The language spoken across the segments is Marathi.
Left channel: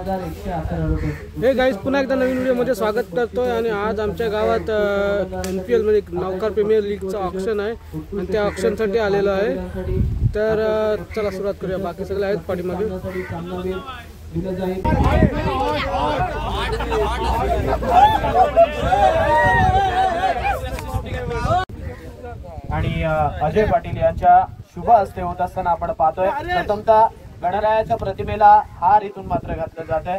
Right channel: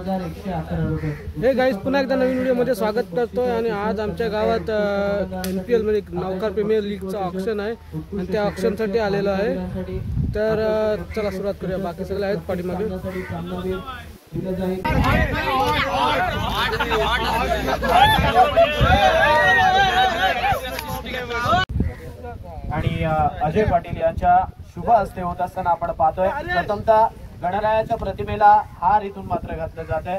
हे गाईज पुन्हा एकदा नवीन व्हिडिओमध्ये स्वागत करतोय आणि आज आमच्या गावात NPL म्हणजे नौकार प्रीमियर लीगचं ऑक्शन आहे आणि त्या ऑक्शनसाठी आलेलो आहे। तर चला सुरुवात करूया। बाकी सगळे आहेत पाठीमागे। आणि अजय पाटील यांच्या शुभ हस्ते होत असताना आपण पाहतोय प्रथमतः गणरायाच्या प्रतिमेला हार इथून मात्र घातला जात आहे,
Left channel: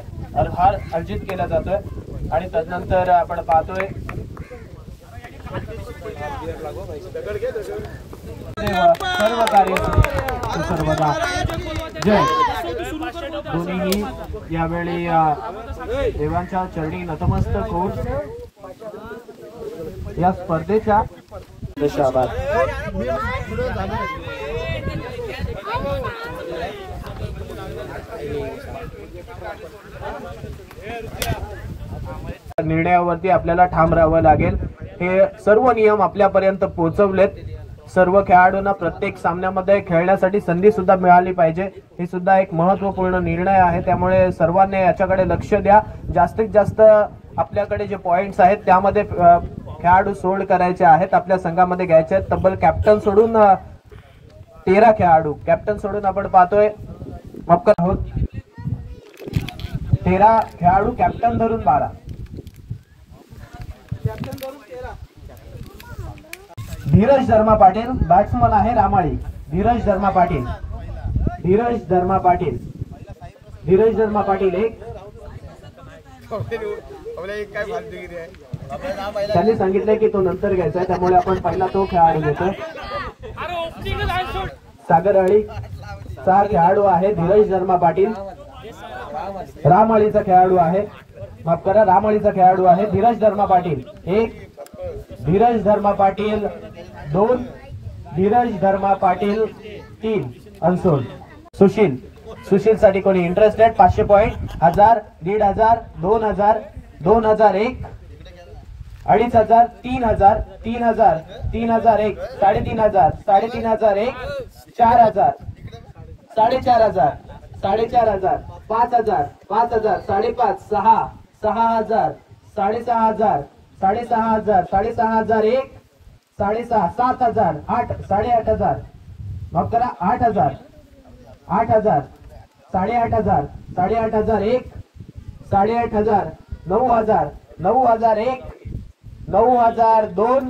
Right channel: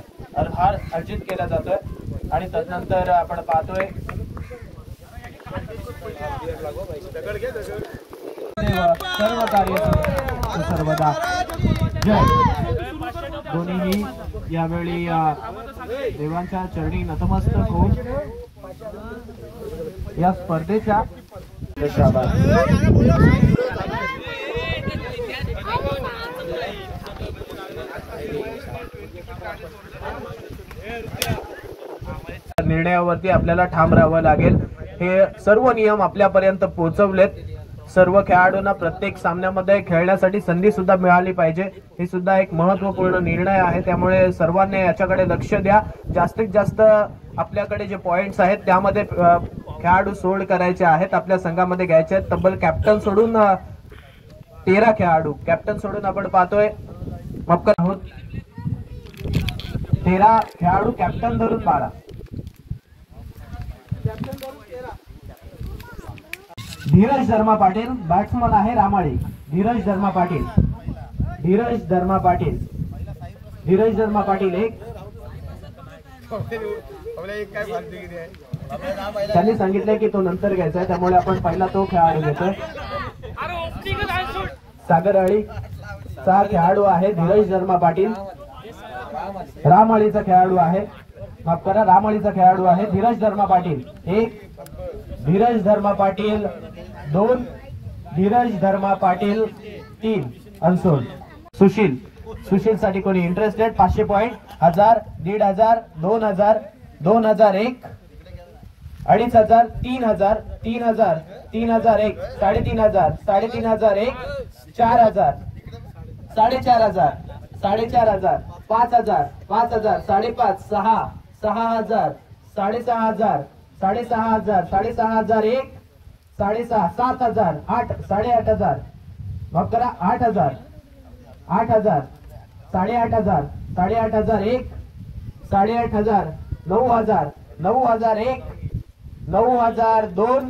हार अर्जित केला जातोय आणि त्यानंतर आपण पाहतोय सर्व कार्य सर्वदा जय। दोन्हीही यावेळी देवांच्या चरणी नतमस्तक होऊन या स्पर्धेच्या निर्णयावरती आपल्याला ठाम राहावं लागेल। हे सर्व नियम आपल्यापर्यंत पोहोचवलेत। सर्व खेळाडूंना प्रत्येक सामन्यामध्ये खेळण्यासाठी संधी सुद्धा मिळाली पाहिजे, हे सुद्धा एक महत्त्वपूर्ण निर्णय आहे। त्यामुळे सर्वांनी याच्याकडे लक्ष द्या। जास्तीत जास्त आपल्याकडे जे पॉइंट्स आहेत त्यामध्ये खेळाडू सोल्ड करायचे आहेत, आपल्या संघामध्ये घ्यायचे आहेत। तब्बल कॅप्टन सोडून 13 खेळाडू, कॅप्टन सोडून आपण पाहतोय आहोत 13 खेळाडू, कॅप्टन धरून 12। धीरज धर्मा पाटील बॅट्समन आहे रामाळी। धीरज धर्मा पाटील, धीरज धर्मा पाटील, धीरज धर्मा पाटील एक। त्यांनी सांगितले की तो नंतर घ्यायचा आहे, त्यामुळे आपण पहिला तो खेळाडू घेतो। सागरआळी चा खेळाडू आहे धीरज धर्मा पाटील। रामआळीचा खेळाडू आहे, माफ करा, रामआळीचा खेळाडू आहे धीरज धर्मा पाटील एक। धीरज धर्मा पाटील 2, धीरज धर्मा पाटील 3 अनसोल्ड। सुशील, सुशील साठी कोणी इंटरेस्टेड? 500 पॉइंट, 1000, 1500, 2000, 2001, 2500, 3000, 3000, 3001, 3500, 3501, 4000, 4500, 4500, 5000, 5000, 5.5, 6, 6000, 6500, 6500, 6501, 6.5, 7000, 8, 8.500, माफ करा 8000, 8000, 8.500, 8.501, 8.500, 9000, 9001, 9002,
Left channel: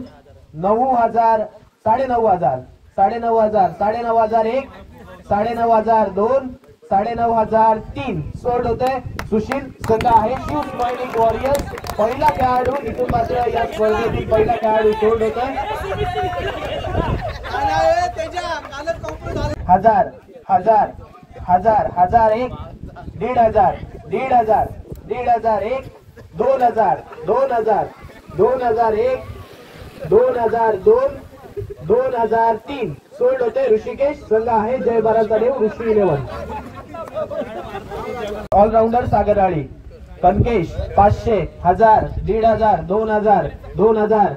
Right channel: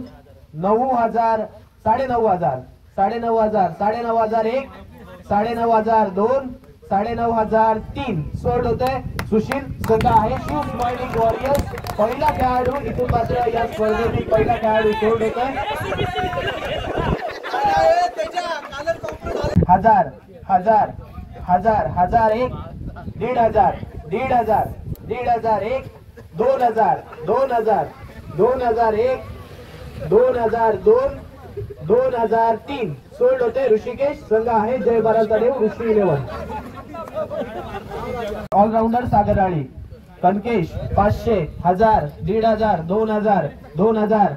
9000, 9.500, 9.500, 9.501, 9.502, 9.503 सोल्ड होते। सुशील संघ आहे शिव स्माइलिंग वॉरियर्स। पहिला खेळाडू इथून मात्र या स्पर्धेतील पहिला खेळाडू सोल्ड होतोय। 1000, 1000, 1000, 1001, 1500, 1500, 1501, 2000, 2000, 2001, 2002, 2003 सोल्ड होते। ऋषिकेश संघ आहे जय बाराचा देव ऋषी 11। ऑलराउंडर सागरआळी कनकेश 500, 1000, 1500, 2000, 2000,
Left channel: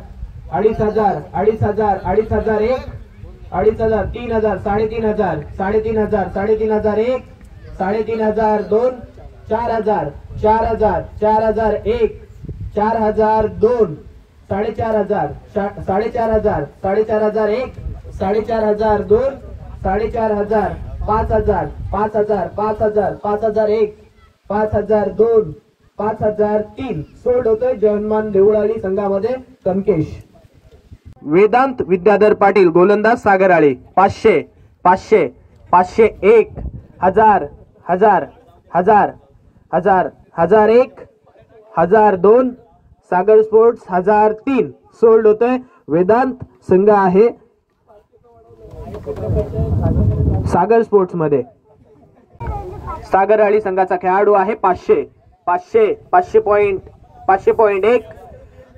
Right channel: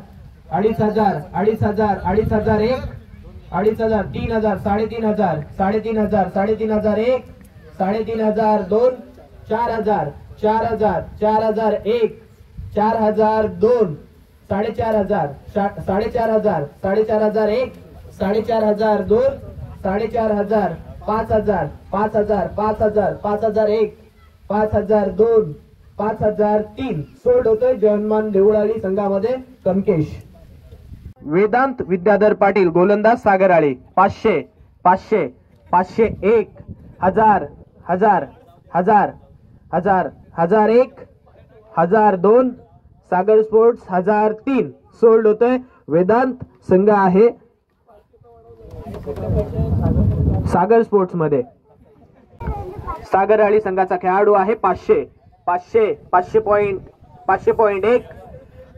2500, 2500, 2501, 2500, 3000, 3500, 3500, 3501, 3502, 4000, 4000, 4001, 4002, 4500, 4500, 4501, 4502, 4500, 5000, 5000, 5000, 5001, 5002, 5003 सोल्ड होतोय जयमान देवळाली संघामध्ये कनकेश। वेदांत विद्याधर पाटील गोलंदाज सागरआळी 500, 500, 501, 1000, 1000, 1000, 1000, 1001, 1002 सागर स्पोर्ट्स 1003 सोल्ड होतोय। वेदांत संघ आहे सागर स्पोर्ट्स मध्ये। सागरआळी संघाचा खेळाडू आहे 500, 500, 500 पॉइंट, 500.1,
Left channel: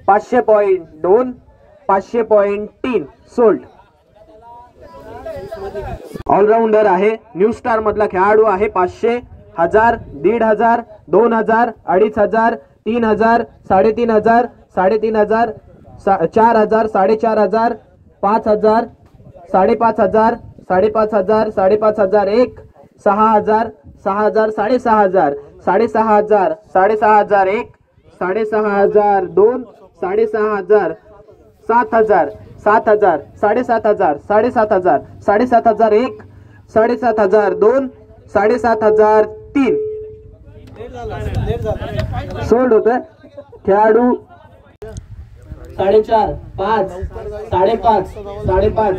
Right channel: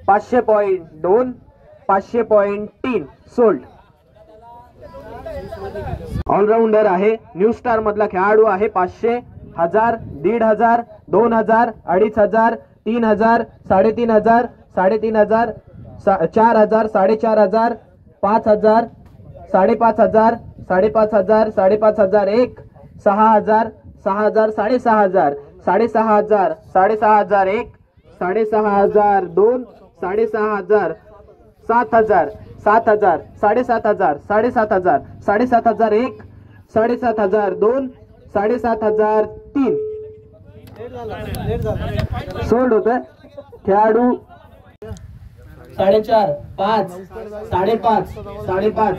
500.2, 500.3 सोल्ड। ऑलराउंडर आहे न्यू स्टार मधला खेळाडू आहे 500, 1000, 1500, 2000, 2500, 3000, 3500, 3500, 4000, 4500, 5000, 5500, 5500, 5501, 6000, 6000, 6500, 6,500 6,501 6,502 6,500 7,000 7,000 7,700 7,700 7,701 7,702 7,703 सोल्ड होत खेळाडू 4.5 5 5.5 5.5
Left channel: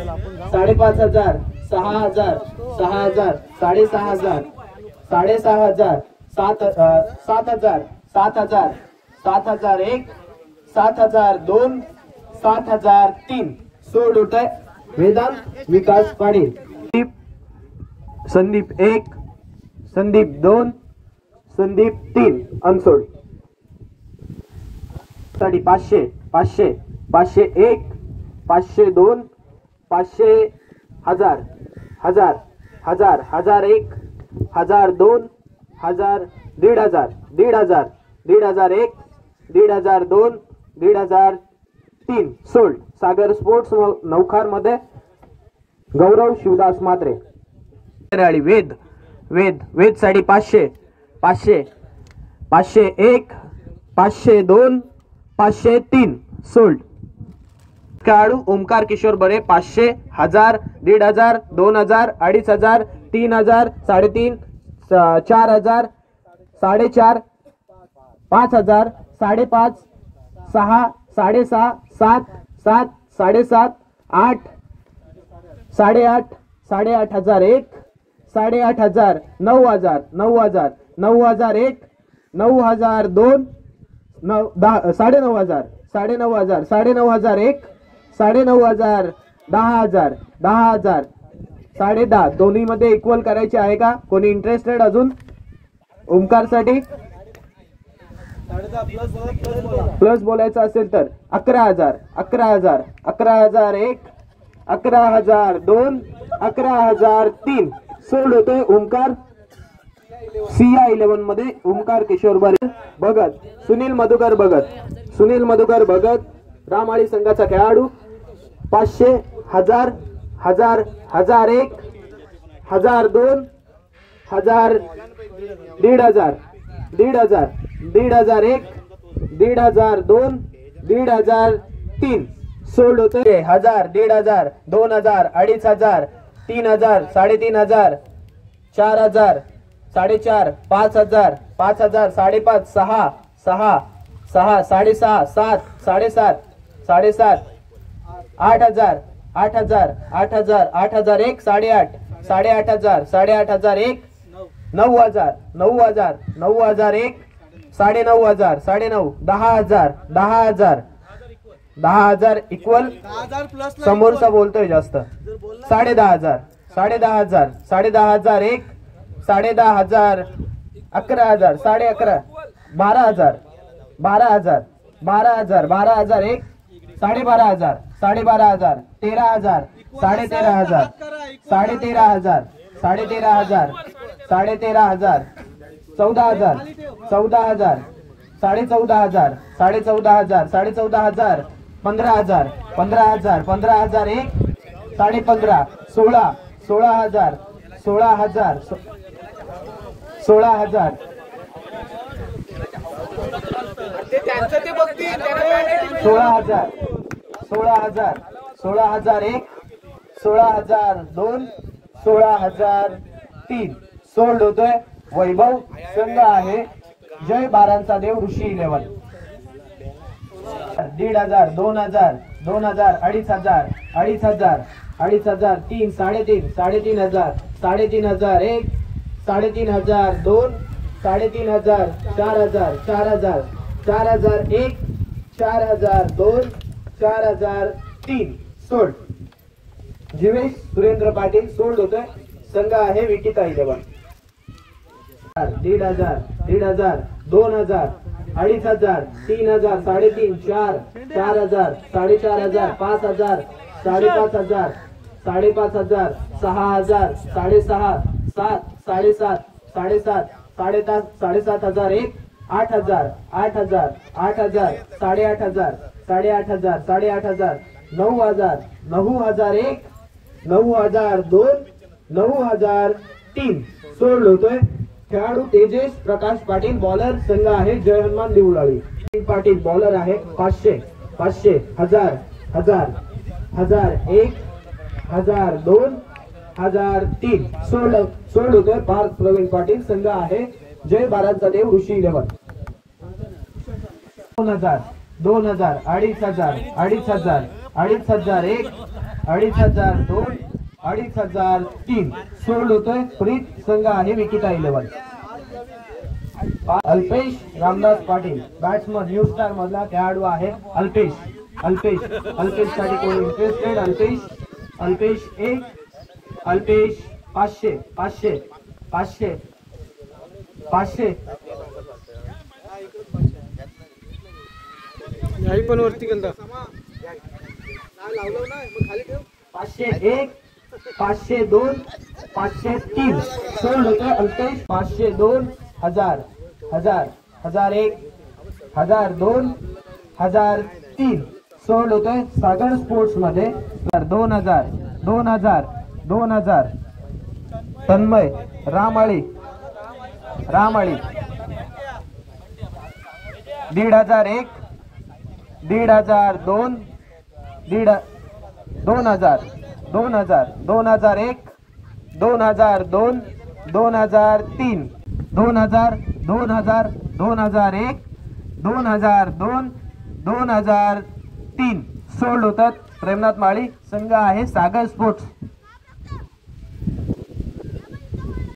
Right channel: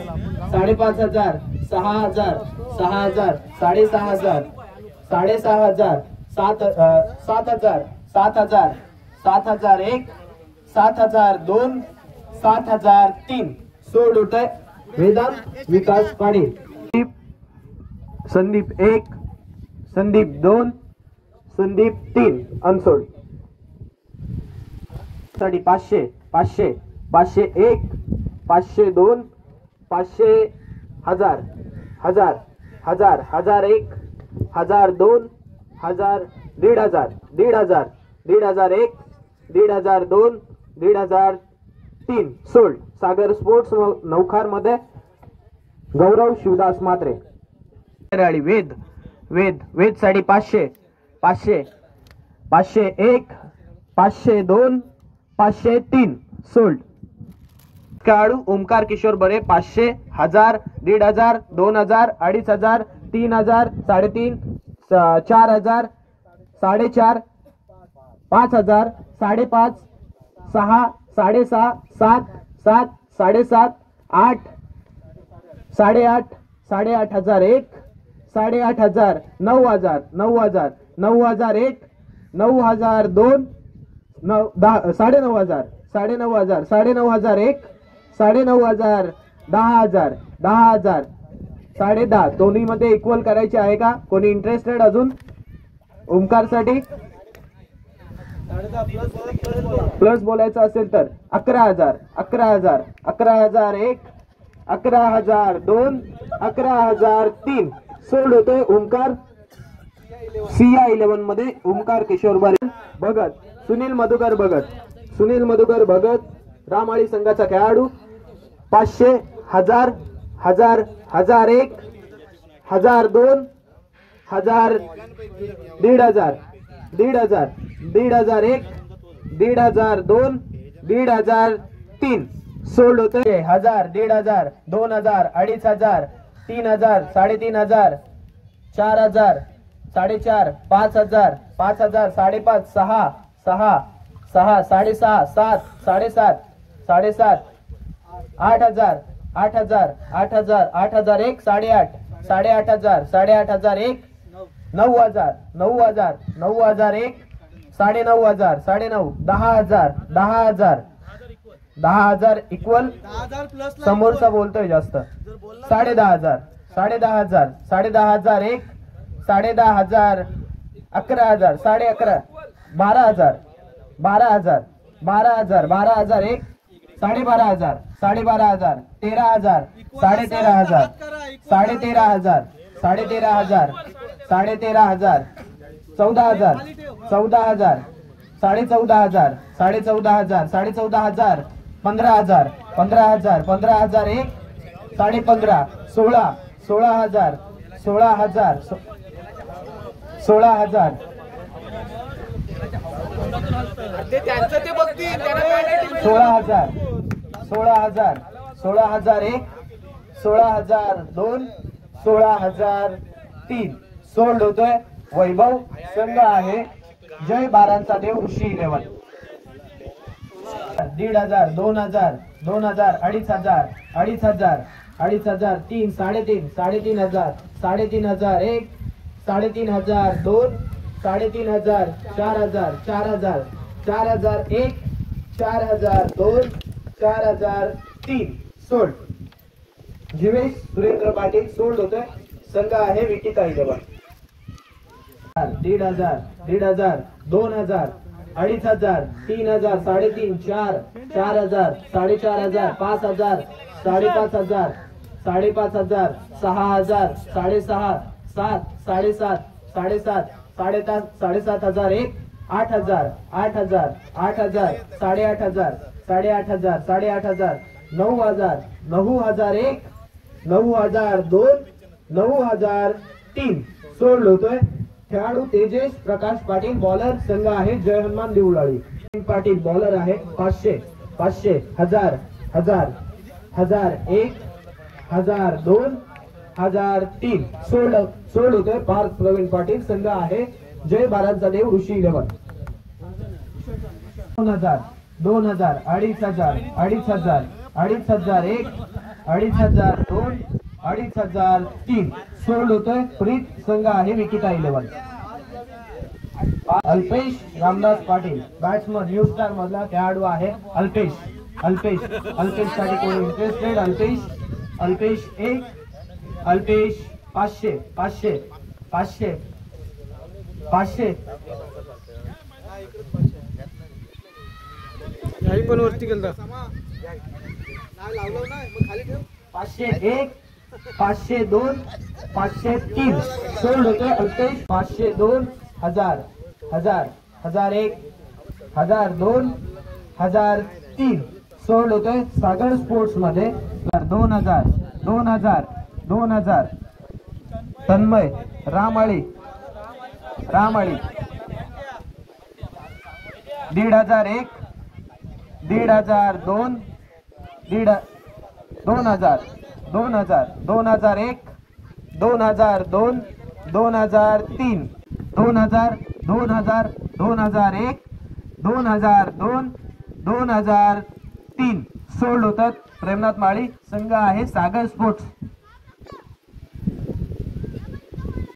5,500 6,000 6,000 6,600 6,600 7,000 7,000 7,001 7,002 7,003 सोल्ड होत आहे वेदांत विकास पाटील संदीप 1 संदीप 2 संदीप 3 अनसोल्ड साठी 500 500 501 502 500 1000 1000 1000 1001 1002 1000 1,500 1,500 1,501 1,502 1,503 सोल्ड सागर स्पोर्ट्स नौखार मध्ये गौरव शिवदास मात्रे वेद वेद वेद साठी 500 500 501 502 503 सोल्ड खेळाडू ओमकार किशोर बरे 500 1000 1,500 2,000 2,500 3,000 3,500 4,000 4,500 5,000 5,500 6 6.5 7 7 7.5 8 8.5 8,801 8,800 9,000 9,000 9,001 9,002 9,000 9,500 9,500 9,001 9,000 10,000 10,000 दोन्ही मध्ये इक्वल करायचे आहे का कोणी इंटरेस्टेड अजून ओमकार साठी प्लस बोलायचं असेल तर 11,000 11,000 11,001 11,002 11,003 सोल्ड होतोय ओमकार सिया 11 मध्ये ओमकार किशोर भगत सुनील मधुकर भगत रामाळी संघाचा खेळाडू 500 1000 1000 1001 1002 1000 1,500 1,500 1,501 1,502 1,503 सोल्ड होते 1000 1,500 2,000 2,500 3,000 3,500 4,000 4,500 5,000 5,000 5,500 6 6 6 6.5 7 7.5 7.5 8,000 8,000 8,000 8,001 8,500 8,500 8,501 9,000 9,000 9,001 9,500 9,500 10,000 10,000 10,000 इक्वल समोरचा बोलतोय जास्त 10,500 10,500 10,500 10,000 11,000 11,500 12,000 12,000 12,000 12,001 12,500 12,500 13,000 13,500 13,500 13,500 13,500 14,000 14,000 14,500 14,500 14,500 15,000 15,000 15,001 15,500 16 16,000 16,000 16,000 16,000 16,000 16,001 16,002 16,003 सोल्ड होतोय वैभव संघ आहे जय बारांचा देव ऋषी 11 1,500 2,000 2,000 2,500 2,500 2,500 3 3.5 3,500 3,500 1 3,500 2 3,500 4,000 4,000 4,001 4,002 4,003 सोल्ड जीवेश सुरेंद्र पाटील सोल्ड होतोय संघ आहे विटिका 11 1,500 1,500 2,000 2,500 3,000 3.5 4 4,000 4,500 5,000 5,500 5,500 6,000 6,500 7 7.5 7.5 7,500 1 8,000 8,000 8,000 8,500 8,500 8,500 9,000 9,001 9,002 9,003 सोल्ड होतोय खेळाडू तेजेश प्रकाश पाटील, बॉलर संघ आहे जय हनुमान देवळाळी पाटील, बॉलर आहे 500 500 1000 1000 1000 1 1000 2 1000 3 सोल्ड होतोय पार्थ प्रवीण पाटील, संघ आहे जय बारांचा देव ऋषी 11 2000 2000 2500 2500 2500 1 2500 2 2500 3 सोल्ड होतोय प्रीत, संघ आहे विकिता 11 Alpesh Ramdas Patil, batsman new star मधला खेळाडू आहे अल्पेश साठी कोणी इंटरेस्टेड? अल्पेश 1 अल्पेश 500 500 500 500 याही पण वरती केलं 501 502 503 सोल्ड होतोय अल्पेश 502 1000 1000 1001 1002 1003 सोल्ड होतोय सागर स्पोर्ट्स मध्ये 2000 2000 2000 तन्मय रामाळी 1501 1502 2000 2001 2002 2003 2000 2000 2001 2002 2003 सोल्ड होतात प्रेमनाथ माळी, संघ आहे सागर स्पोर्ट्स।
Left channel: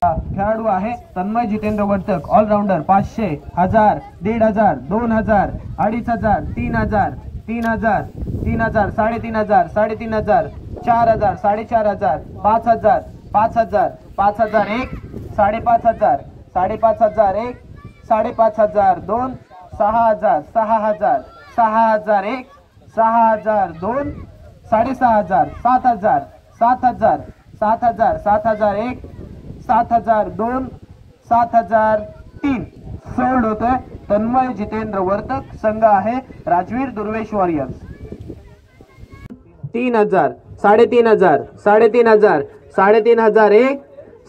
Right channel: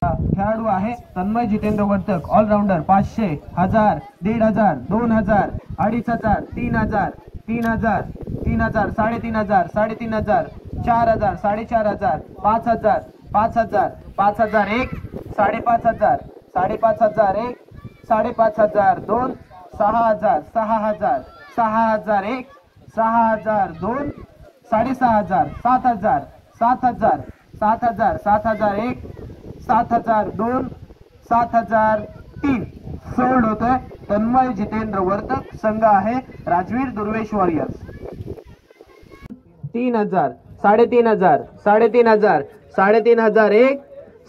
खेळाडू आहे तन्मय जितेंद्र वर्तक, ऑलराऊंडर 500 1000 1500 2000 2500 3000 3000 3000 3500 3500 4000 4500 5000 5000 5001 5500 5500 1 5500 2 6000 6000 6001 6002 6500 7000 7000 7000 7001 7002 7003 सोल्ड होतोय तन्मय जितेंद्र वर्तक, संघ आहे राजवीर दुर्वेश वॉरियर्स 3000 3500 3500 3501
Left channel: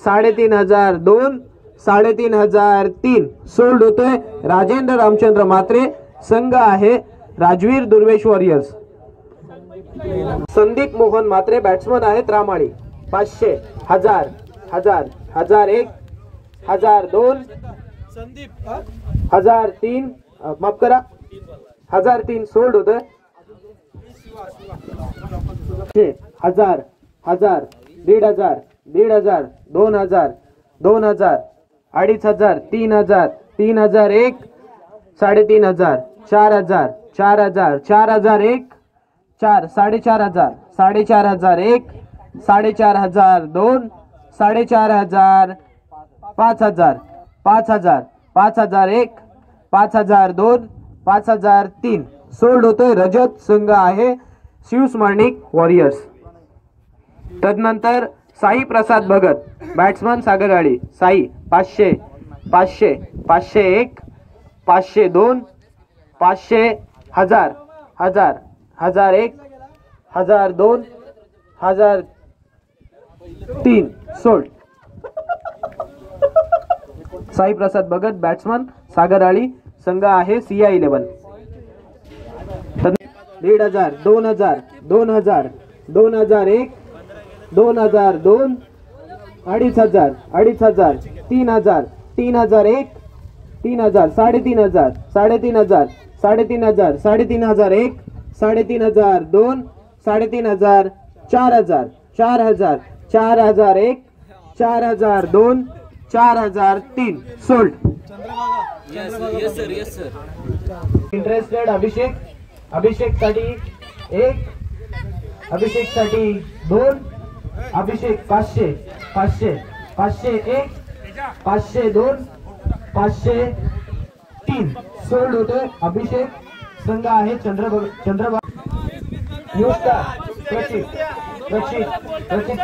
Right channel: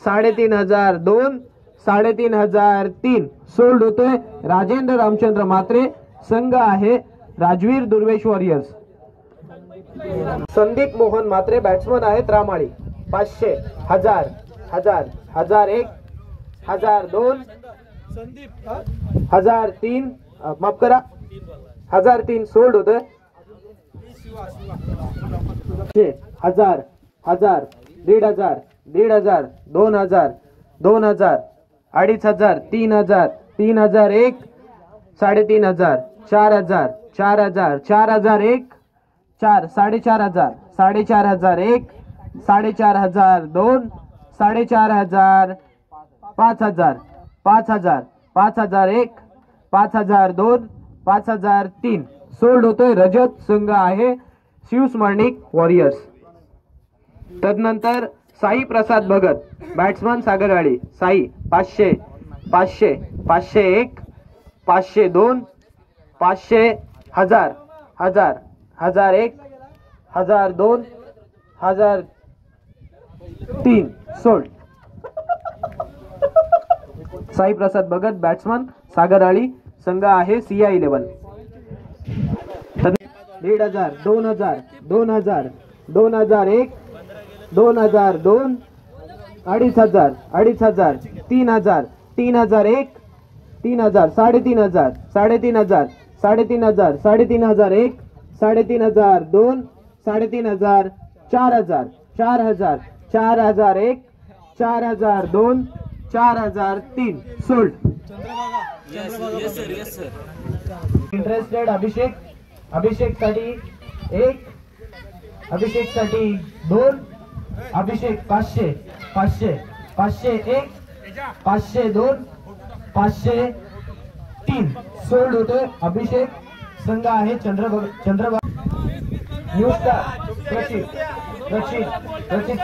3502 3503 सोल्ड होतोय राजेंद्र रामचंद्र मात्रे, संघ आहे राजवीर दुर्वेश वॉरियर्स। संदीप मोहन मात्रे बॅट्समन आहेत रामाळी 500 1000 1000 1001 1002 1003 माफ करा 1003 सोल्ड होतोय 1000 1000 1500 1500 2000 2000 2500 3000 3001 3500 4000 4000 4001 4 4500 4501 4502 4500 5000 5000 5001 5002 5003 सोल्ड होतोय रजत, संघ आहे शिव स्मरणिक वॉरियर्स। तदनंतर साई प्रसाद भगत, बॅट्समन सागरवाडी, साई 500 500 501 502 500 1000 1000 1001 1002 1003 सोल्ड। साई प्रसाद भगत बॅट्समन सागरवाडी, संघ आहे सिया 11 1500 2000 2000 2001 2002 2500 2500 3000 3001 3000 3500 3500 3500 3501 3502 3500 4000 4000 4001 4002 4003 सोल्ड। इंटरेस्टेड अभिषेक साठी 1 अभिषेक साठी 2 अभिषेक 500 500 501 502 503 सोल्ड होतोय अभिषेक, संघ आहे चंद्रबाबू न्यू स्टार प्रचित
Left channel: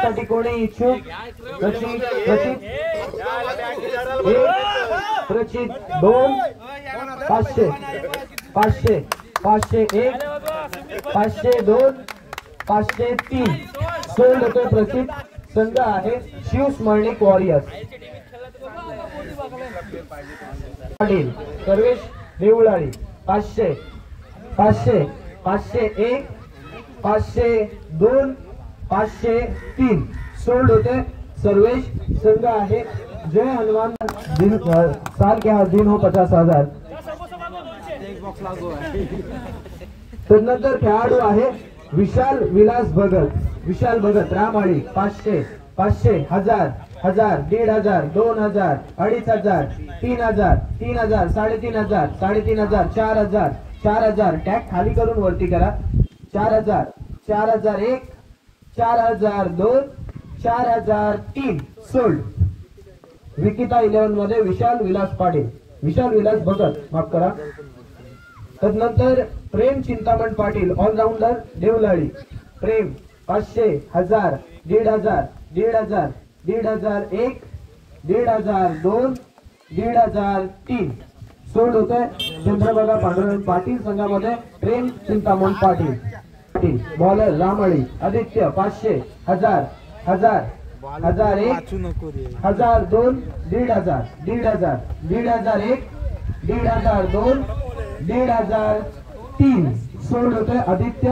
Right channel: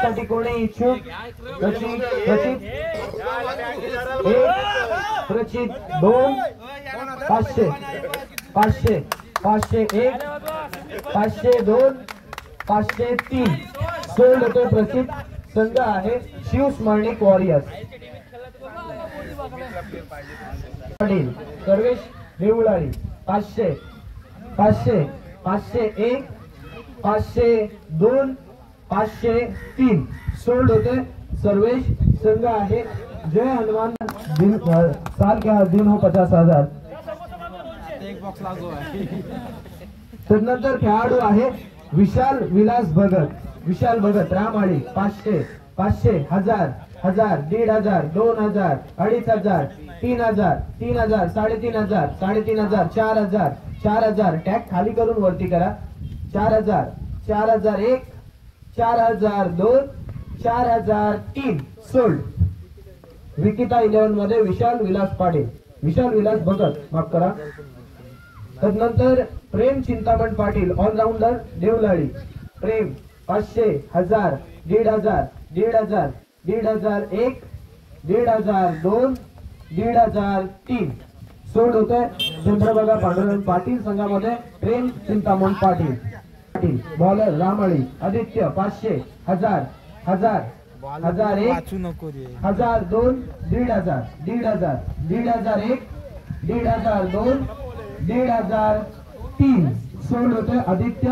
साठी कोणी इच्छुक? प्रचित 1 प्रचित 2 500 500 501 502 503 सोल्ड होतो प्रचित, संघ आहे शिव स्मरणिक वॉरियर्स। पाटील सर्वेश देवळाळी 500 500 501 502 503 सोल्ड होते सर्वेश संघ आहे जय हनुमान दिन साल के दिन हो 50,000। त्यानंतर खेळाडू आहे विशाल विलास भगत रामाळी 500 500 1000 1000 1500 2000 2500 3000 3000 3500 3500 4000 4000 टॅग खाली करून वरती करा 4000 4001 4002 4003 सोल्ड। विकिता 11 मध्ये विशाल विलास भगत माफ करा। तदनंतर प्रेम चिंतामण पाटील ऑलराउंडर देवलाळी प्रेम 500 1000 1500 1500 1501 1502 1503 सोड होते चंद्रभागा पांडुरंग पाटील संघामध्ये प्रेम चिंतामण पाटील बॉलर रामळी आदित्य 500 1000 1000 1001 1002 1500 1500 1501 1502 1503 सोड होते आदित्य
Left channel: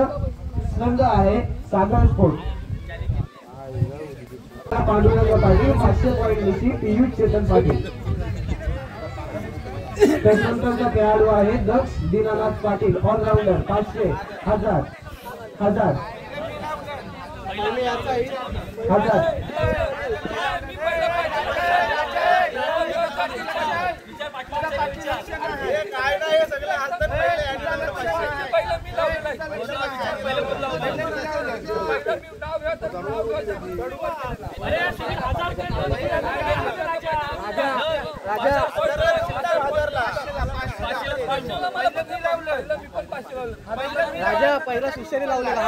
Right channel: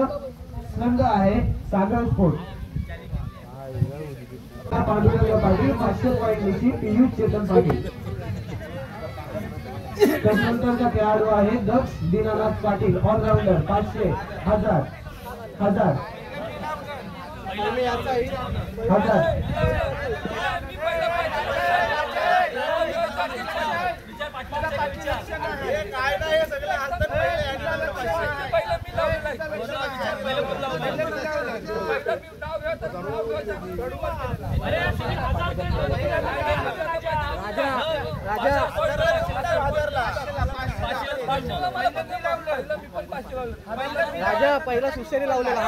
संघ आहे सागर स्पोर्ट पांडुरंग पाटील 500 पॉईंट निशी पियुष चेतन पाटील। त्यानंतरचा खेळाडू आहे दक्ष दीनानाथ पाटील ऑलराउंडर 500 1000 1000 राजा पहिला शिष्याने लावलेला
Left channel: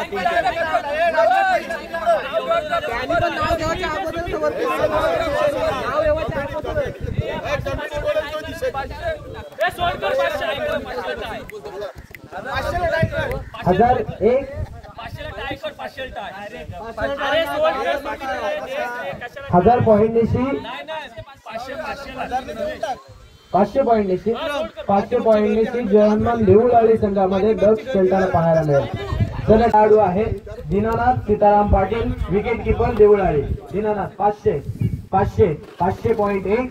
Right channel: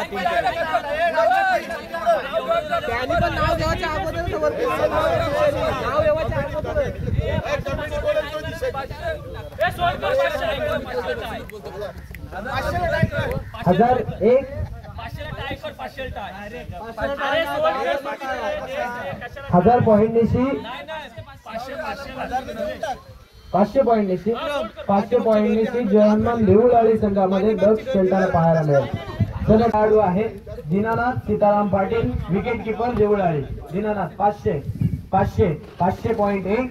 हजार एक 1000 पॉइंट निशी 500 पॉइंट निशी 500 पॉइंट निशी जय हनुमान देऊळाळी संघामध्ये दक्ष खेळताना पाहायला मिळेल। तर खेळाडू आहे दीनानाथ सीताराम पाटील विकेट किपर देऊळाळी दीनानाथ 500 500 500.1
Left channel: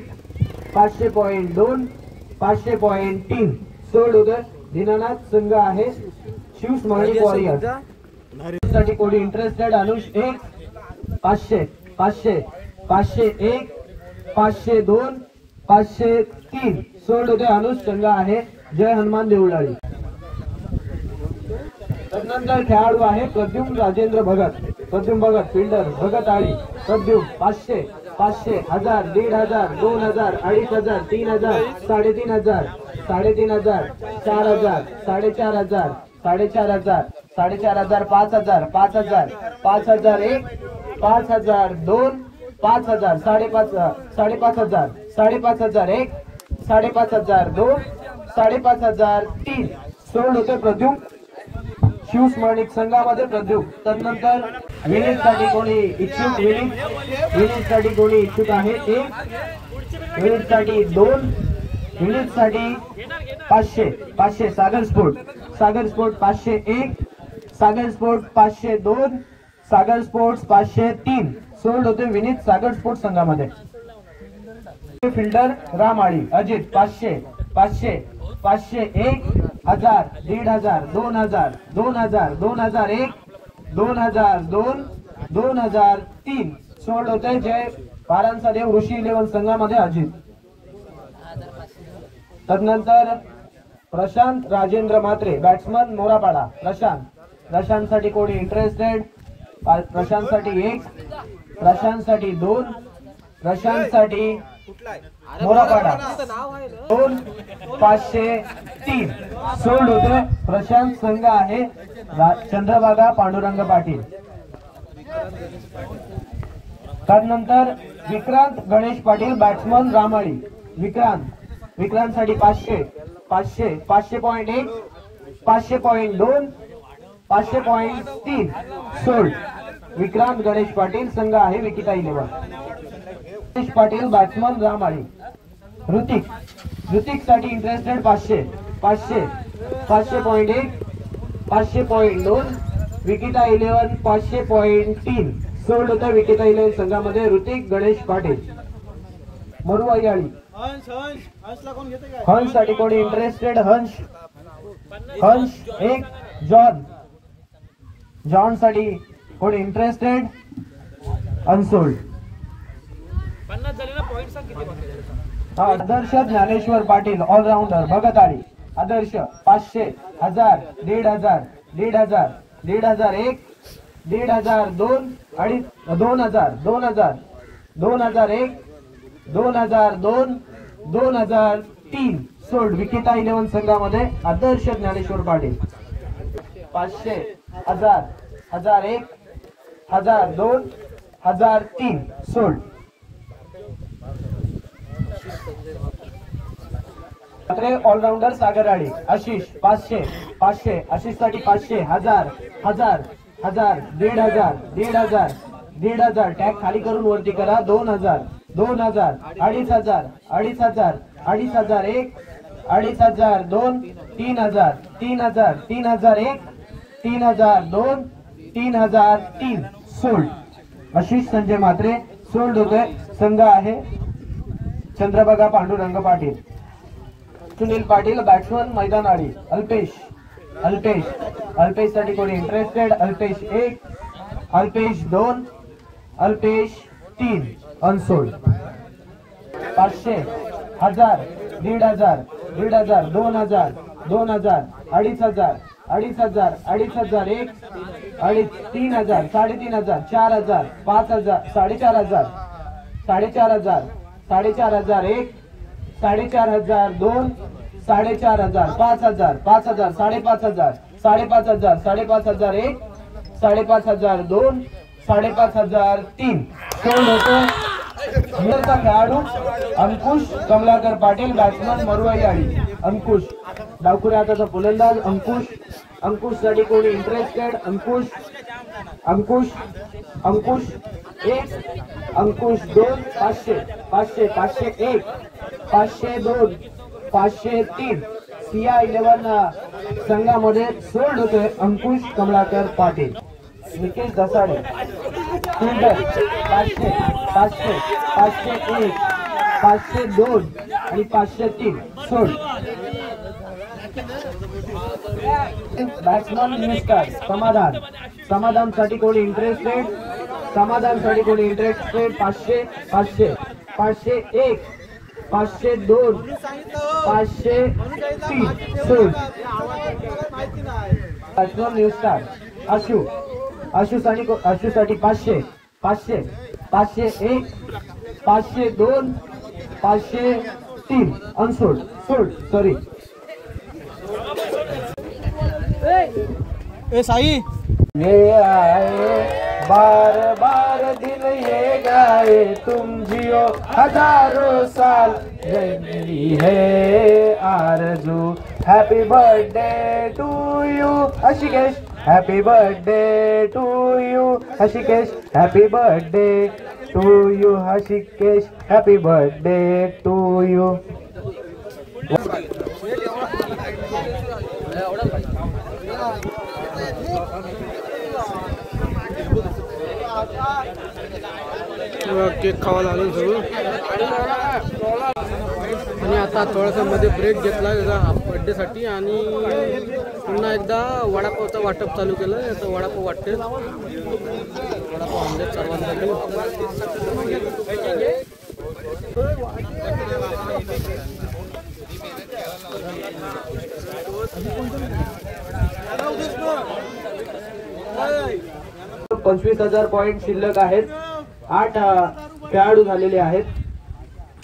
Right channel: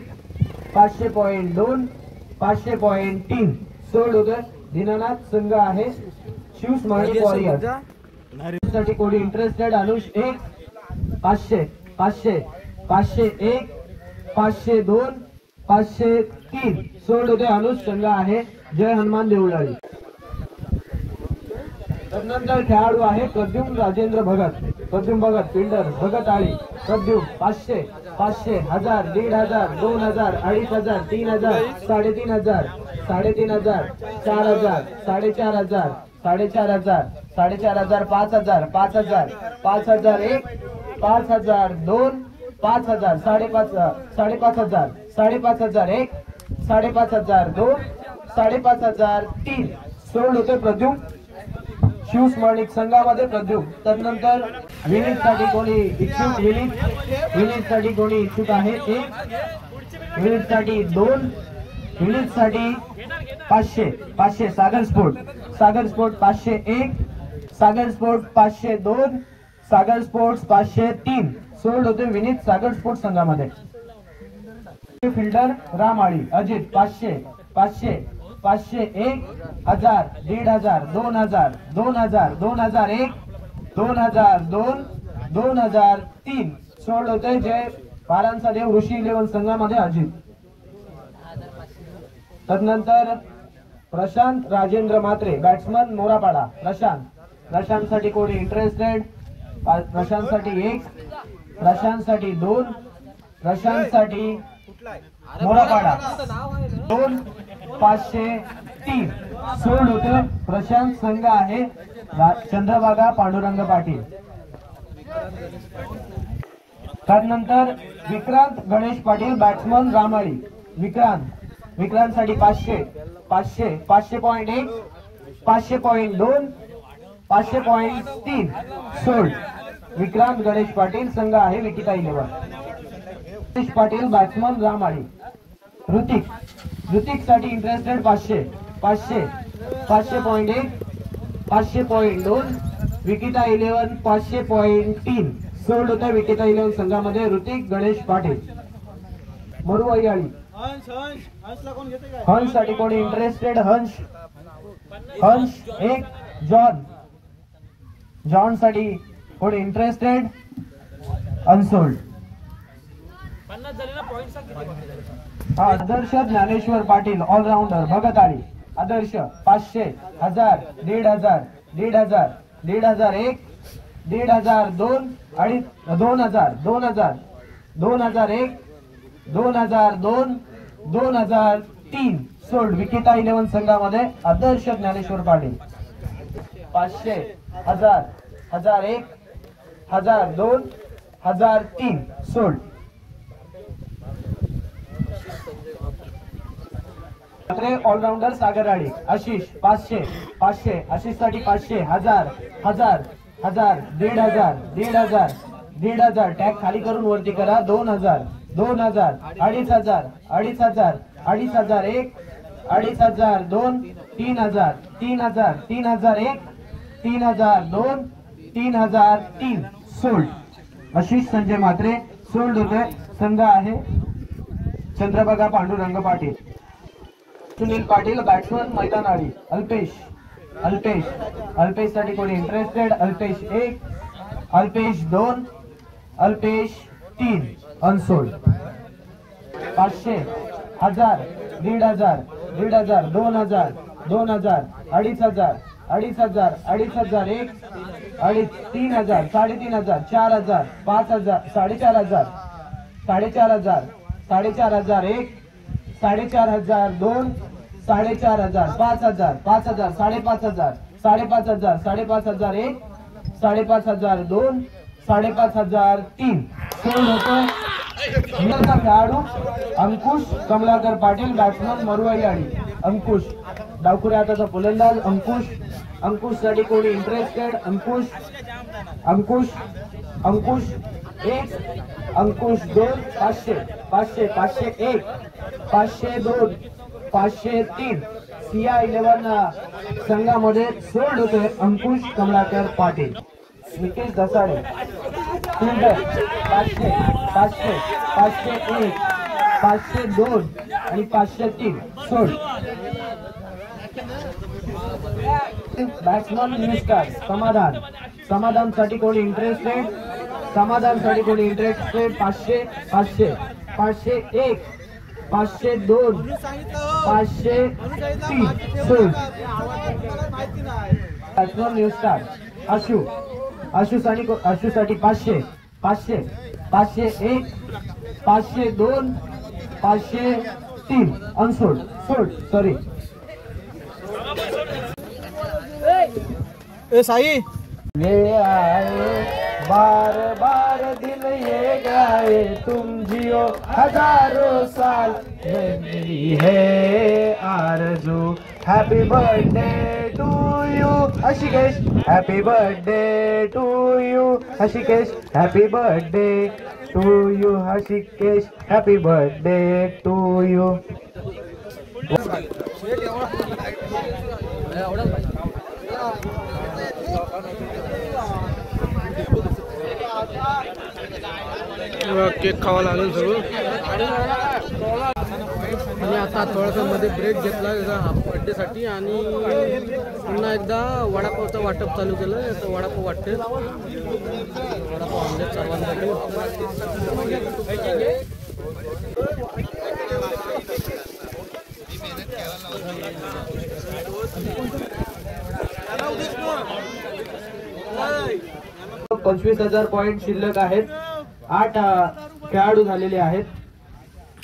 500.2 500.3 सोड होते दीनानाथ संघ आहे शिव स्मरणिक वॉरियर साठी कोणी इंटरेस्टेड अनुष 1 500 500 501 502 503 सोड होते अनुष संघ आहे जय हनुमान देऊळाळी। तदनंतर खेळाडू आहे प्रद्युम्न राजेंद्र भगत फिल्डर भगत आळी प्रद्युम्न 500 500 1000 1500 2000 2500 3000 3500 3500 4000 4500 4500 4500 5000 5000 5001 5002 5000 5500 5501 5502 5503 सोड होते प्रद्युम्न शिव स्मरणिक संघामध्ये प्रद्युम्न। तदनंतर विनीत साठी कोणी इच्छुक विनीत साठी कोणी इच्छुक आहे 1 विनीत साठी 2 विनीत साठी 500 500 सागर स्पोर्ट 501 सागर स्पोर्ट 502 सागर स्पोर्ट्स 503 सोड होते विनीत सागर स्पोर्ट्स संघामध्ये। फिल्डर रामाळी अजित 500 500 501 1000 1500 2000 2000 2001 2002 2003 सोड होते जय पारांचा देव ऋषी 11 संघामध्ये अजित। तदनंतर प्रशांत राजेंद्र मात्रे बॅट्समन मोरापाडा प्रशांत साठी कोणी इंटरेस्टेड प्रशांत साठी 1 प्रशांत साठी 2 प्रशांत साठी मोरापाडा 2 503 सोल्ड होते प्रशांत संघ आहे चंद्रभागा पांडुरंग पाटील। त्यानंतर विक्रांत गणेश पाटील बॅट्समन रामाळी विक्रांत साठी 500 500 500.1 500.2 500.3 सोल्ड विक्रांत गणेश पाटील संघ आहे विकिता 11 गणेश पाटील बॅट्समन रामाळी ऋतिक साठी इंटरेस्टेड 500 500.1 500.2 विकिता 11 500.3 सोल्ड होतं विकिता 11 संघामध्ये ऋतिक गणेश पाटील. मरुआई आळी हंस साठी कोणी इंटरेस्टेड हंस 1 जॉन साठी कोणी इंटरेस्टेड अनसोल्ड. आदर्श ज्ञानेश्वर पाटील ऑलराऊंडर भगताळी आदर्श 500 1000 1500 1500 1500 1 1500 2 आणि 2000 2000 2001 2002 2003 सोल्ड विकेता 11 संघामध्ये आदर्श ज्ञानेश्वर पाटील. 500 1000 1001 1002 1003 सोल्ड. ऑलराऊंडर सागराळी आशिष 500 500 आशिष साठी 500 1000 1000 1000 1500 1500 1500 टॅग खाली करून वरती करा. 2000 2000 2500 2500 2500 1 2500 2 3000 3000 3001 3002 3003 सोल्ड. आशिष संजय मात्रे सोल्ड होतोय. संघ आहे चंद्रभागा पांडुरंग पाटील. सुनील पाटील बॅट्समन मैदान आळी अल्पेश साठी कोणी interested Alpesh 1 Alpesh 2 Alpesh 3 unsold. 500 1000 1500 1500 2000 2000 2500 2500 2500 1 3000 3500 4000 5000 4500 4500 4500 1 4500 2 4500 5000 5000 5500 5500 5500 1 5500 2 5500 3 sold होतो. खेळाडू अंकुश कमलाकर पाटील बॅट्समन मरुआई आळी अंकुश डावखुरे हाताचा फलंदाज अंकुश साठी कोणी इंटरेस्टेड अंकुश 1 अंकुश 2 500 500 501 502 503 सिया 11 संघामध्ये सोल्ड होते अंकुश कमलाकर पाटील. निकेश दसाडे फिल्डर 500 500 501 502 आणि 503 सोल्ड. बॅट्समन न्यूस्टार समाधान साठी कोणी इंटरेस्टेड 500 500 501 502 503 सोल्ड. बॅट्समन न्यूस्टार आशू साठी 500 500 501 502 503 अनसोल्ड सॉरी. साई ये आए बार बार दिन ये गाए तुम जियो हजारों साल मेरी है आरज़ू. Happy birthday to you Hrishikesh happy birthday to you Hrishikesh happy birthday to you Hrishikesh happy birthday to you. Cake खावायला आलं सगळं आणि आता थोडासा मध्ये ब्रेक घेतला बर्थडे साठी आणि पुन्हा एकदा वडापावचं वाटप चालू केलं. आता वडापाव वाटते वडापाव आणले सर्वांसाठी. $25,000 पॉइंट शिल्लक आहेत. 8 खेळाडू झालेले आहेत.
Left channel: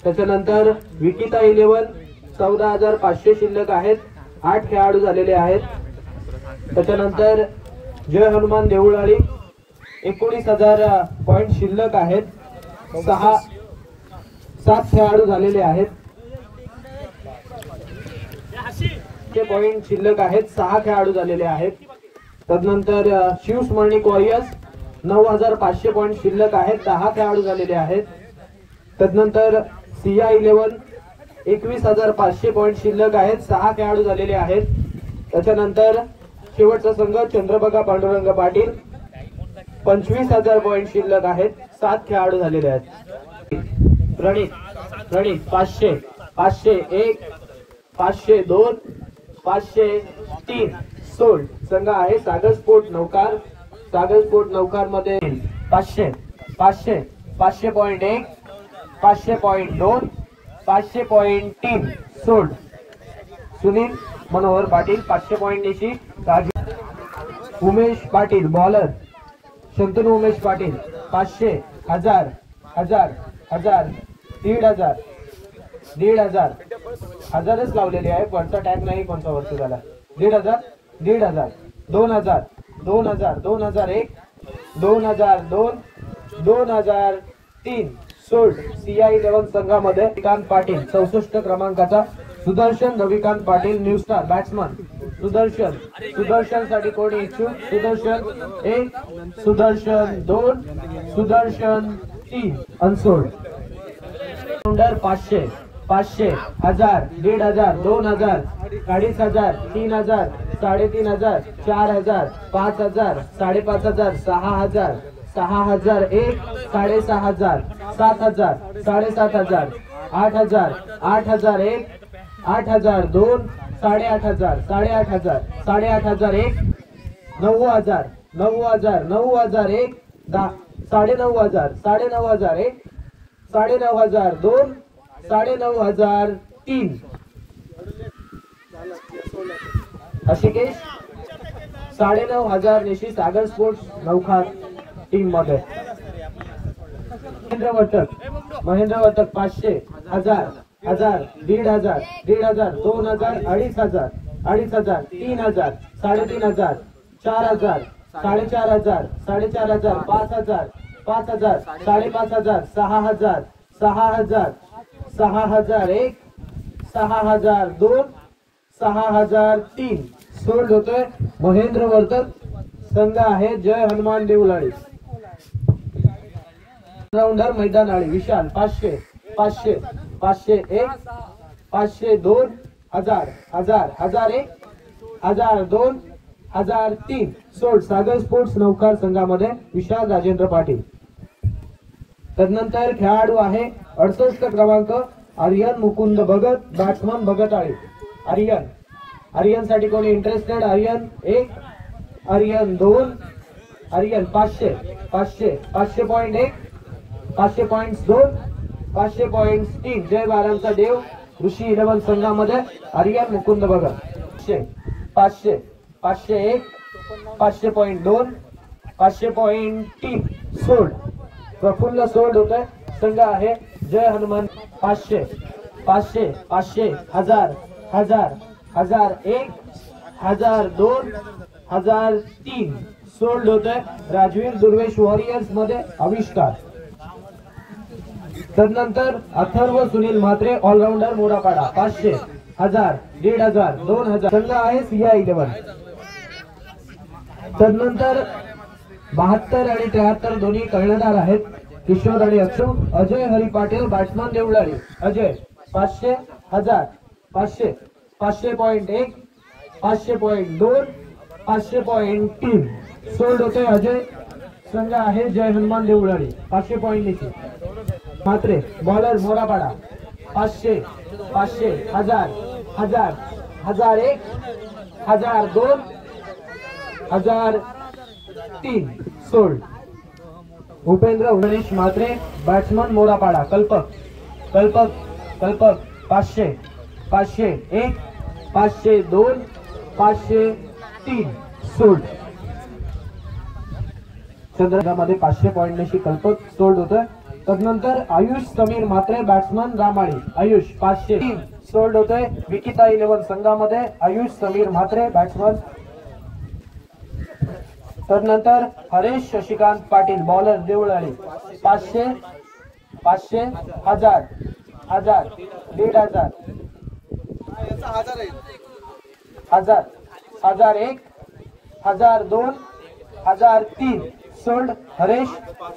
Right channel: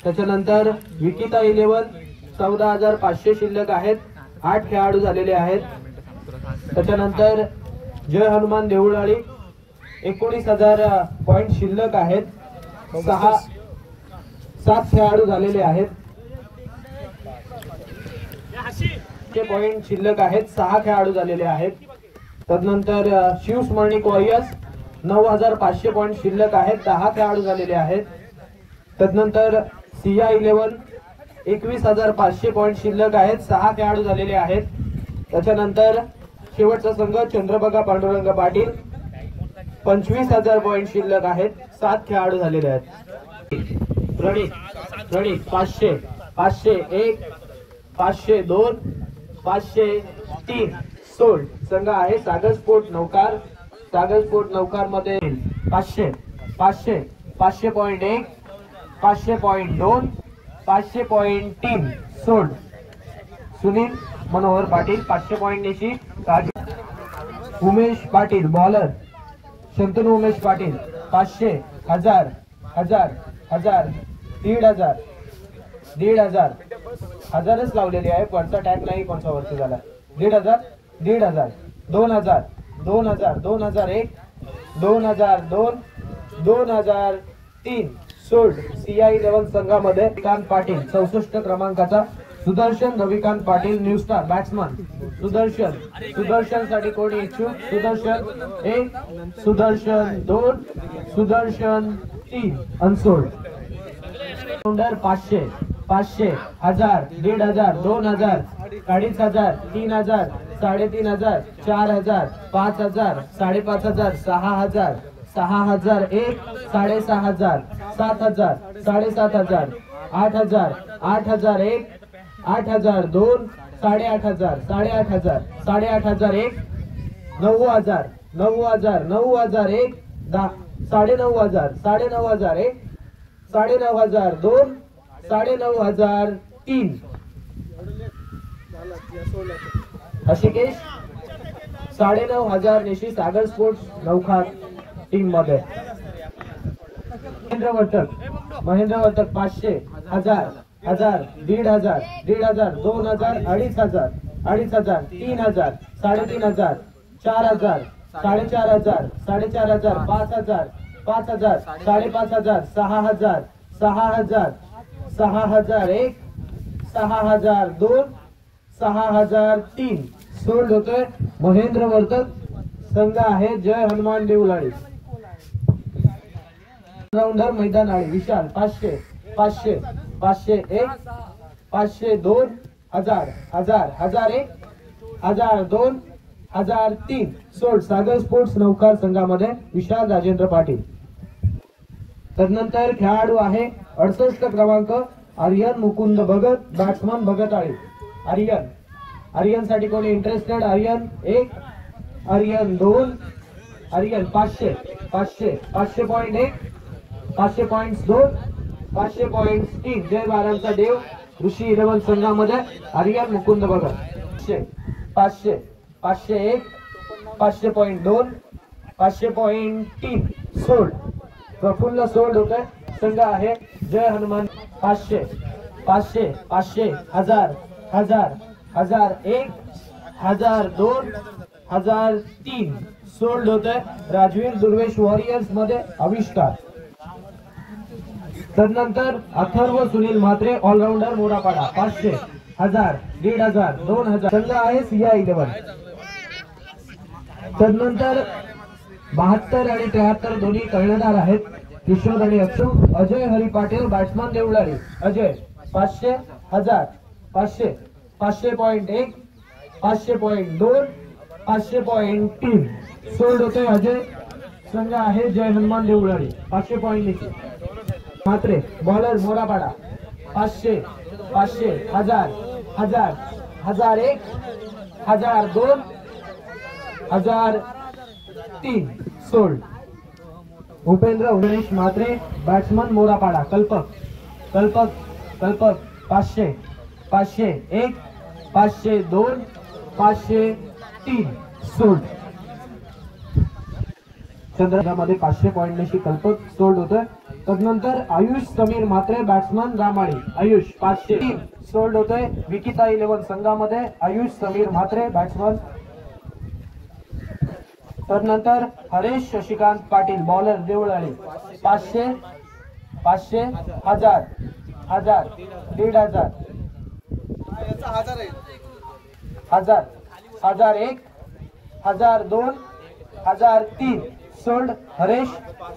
त्याच्यानंतर विकिता 11 14,500 शिल्लक आहेत. 8 खेळाडू झालेले आहेत. त्याच्यानंतर जय हनुमान देऊळाळी 19,000 पॉइंट शिल्लक आहेत. 7 खेळाडू झालेले आहेत. पॉइंट शिल्लक आहेत. 6 खेळाडू झालेले आहेत. तदनंतर शिवस्मरणी कॉयस 9,500 पॉइंट शिल्लक आहेत. 10 खेळाडू झालेले आहेत. तदनंतर सिया 11 21,500 पॉईंट शिल्लक आहेत. 6 खेळाडू झालेले आहेत. त्याच्यानंतर शेवटचा संघ चंद्रभागा पांडुरंग पाटील 25,000 पॉईंट शिल्लक आहेत. 7 खेळाडू झालेले आहेत. रणित 500 501 502 503 सोल्ड. संघ आहे सागर स्पोर्ट नौकार. सागर स्पोर्ट नौकार मध्ये 500 500 500.1 500.2 500.3 सोल्ड. सुनील मनोहर पाटील 500 पॉईंट निशी. उमेश पाटील बॉलर. शंतनू उमेश पाटील 500 1000 1000 1000 1500 1500 1000च लावलेले आहे. कोणता टॅग नाही कोणता वरती झाला. 1500 1500 2000 2000 2001 2002 2003 सोल्ड. CI11 संघामध्ये रविकांत पाटील 64 क्रमांकाचा. Sudarshan Ravikant Patil new star batsman. Sudarshan साठी कोणी इच्छुक? सुदर्शन 1 सुदर्शन 2 सुदर्शन 3 अनसोल्ड. 500 500 1000 1500 2000 2500 3000 3500 4000 5000 5500 6000 6000 1 6500 7000 7500 8000 8000 1 8000 2 8500 8500 8500 1 9000 9000 9000 1 9500 9500 1 9500 2 9500 3 अशिकेश 9500 निशी सागर स्पोर्ट्स नौखार टीम मध्ये. महेंद्र वर्तक 500 1000 1000 1500 1500 2000 2500 2500 3000 3500 4000 4500 4500 5000 5000 5500 6000 6000 6000 1 6000 2 6000 3 सोल्ड होतोय. महेंद्र वर्तक संघ आहे जय हनुमान देवलाळी. राऊंडर मैदान आळी विशाल 500 500 501 502 1000 1000 1001 1002 1003 सोल्ड. सागर स्पोर्ट्स नौकार संघामध्ये विशाल राजेंद्र पाटील. तदनंतर खेळाडू आहे 68 क्रमांक आर्यन मुकुंद भगत बॅट्समन भगताळी. आर्यन साठी कोणी इंटरेस्टेड? आर्यन 1 आर्यन 2 आर्यन 500 500 500.1 500.2 500.3 जय बारांचा देव ऋषी 11 संघामध्ये आर्यन मुकुंद भगत. 500 501 500.2 500.3 सोल्ड. प्रफुल्ल सोल्ड होतोय. संघ आहे जय हनुमान. 500 500 500 1000 1000 1001 1002 1003 सोल्ड होतोय. राजवीर दुर्वेश वॉरियर्स मध्ये आविष्कार. तदनंतर अथर्व सुनील म्हात्रे ऑलराऊंडर मोरापाडा 500 1000 1500 2000 संघ आहे CI11. तदनंतर 72 आणि 73 दोन्ही कर्णधार आहेत. किशोर आणि अक्षु. अजय हरी पाटील बॅट्समन देवळाली. अजय 500 1000 500 500.1 500.2 500.3 सोल्ड होते. अजय संघ आहे जय हनुमान देवळाली 500 पॉईंट निशी. Mhatre bowler Morapada 500 500 1000 1000 1001 1002 1003 sold. Upendra Ganesh Mhatre batsman Morapada. Kalpak 500 501 502 503 sold. चंद्रगामध्ये 500 point निशी कल्पक सोल्ड होतोय. तदनंतर आयुष समीर म्हात्रे बॅट्समन रामाळी. आयुष 503 सोल्ड होतोय. विकिता 11 संघामध्ये आयुष समीर म्हात्रे बॅट्समन. तदनंतर हरेश शशिकांत पाटील बॉलर देवळाली 500 500 1000 1000 1500 1000 1001 1002 1003 सोल्ड. हरेश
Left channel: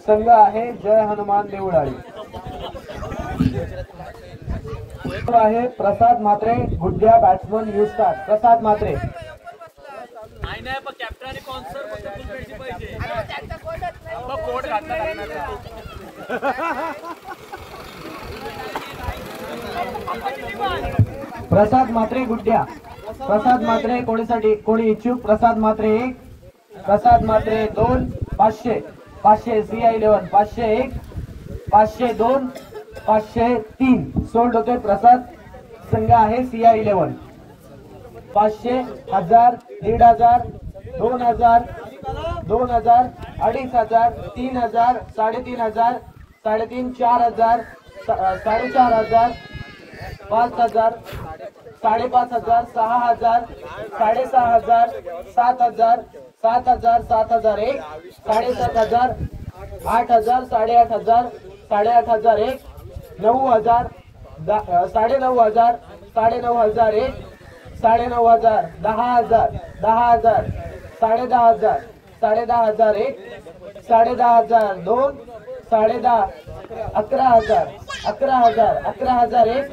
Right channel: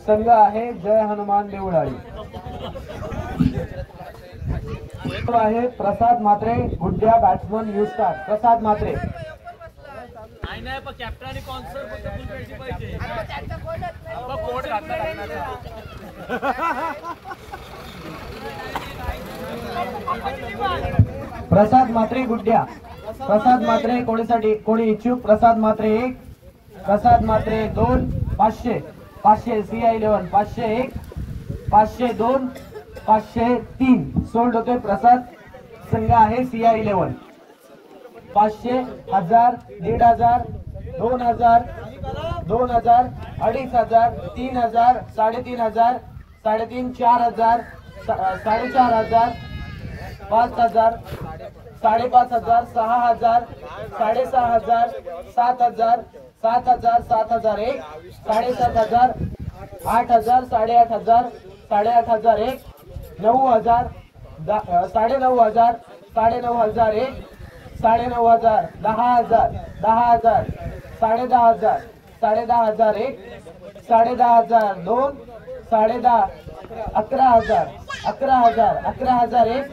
संघ आहे जय हनुमान देवळाली. आहे प्रसाद मात्रे गुड्या बॅट्समन न्यू स्टार. प्रसाद मात्रे प्रसाद मात्रे गुड्या. प्रसाद मात्रे कोणीसाठी कोणी इच्छुक? प्रसाद मात्रे 1, प्रसाद मात्रे 2, 500 500 CI11 501 502 503 सोल्ड होते. प्रसाद संघ आहे CI11. 500 1000 1500 2000 2000 2500 3000 3500 3.5 4000 4500 5000 5500 6000 6500 7000 7000 7001 7500 8000 8500 8500 9000 9000 9001 9000 10000 10000 10000 10001 10000 2 10010 11000 11000 11001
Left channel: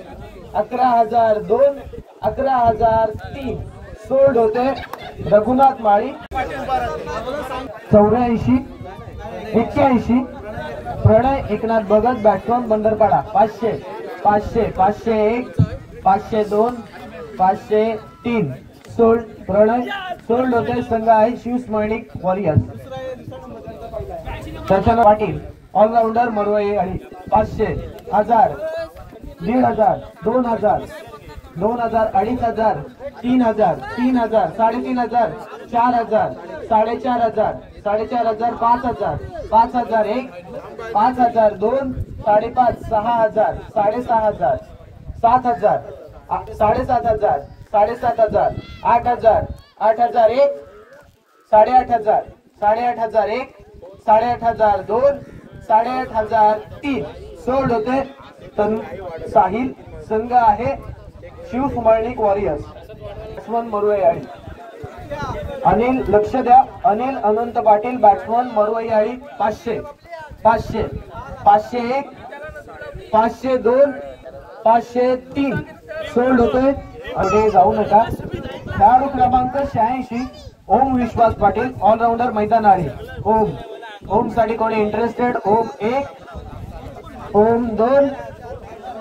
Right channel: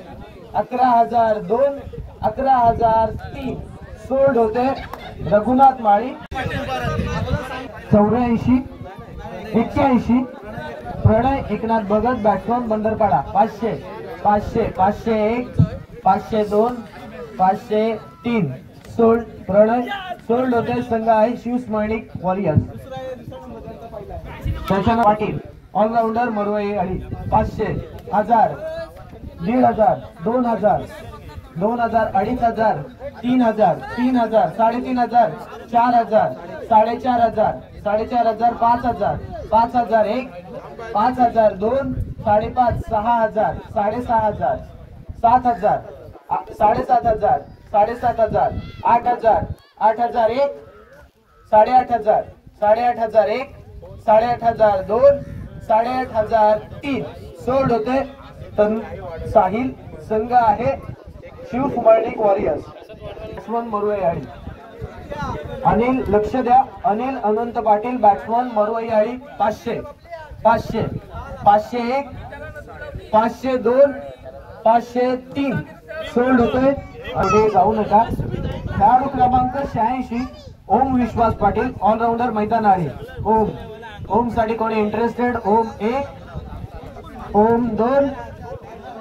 11002 11003 सोल्ड होते. रघुनाथ माळी 84 81 प्रणय एकनाथ भगत बॅट्समन बंदरपाडा 500 500 501 502 503 सोल्ड. प्रणय सोल्ड होते. संघ आहे शिव स्मरणिक वॉरियर्स. दर्शन पाटील ऑलराऊंडर मरवई आणि 500 1000 1500 2000 2000 2500 3000 3000 3500 4000 4500 4500 5000 5001 5002 5.5 6000 6500 7000 7500 7500 8000 8001 8500 8501 8502 8503 सोल्ड होते. साहिल संघ आहे शिव कुमारनिक वॉरियर्स. बॅट्समन मरुआई. अनिल लक्ष द्या. अनिल अनंत पाटील बॅट्समन मरुआई 500 500 501 502 503 सोल्ड होते. अरे जाऊ नका. खेळाडू क्रमांक 86 ओम विश्वास पाटील ऑलराऊंडर मैदान आहे. ओम साठी कोणी इंटरेस्टेड? ओम 1 ओम 2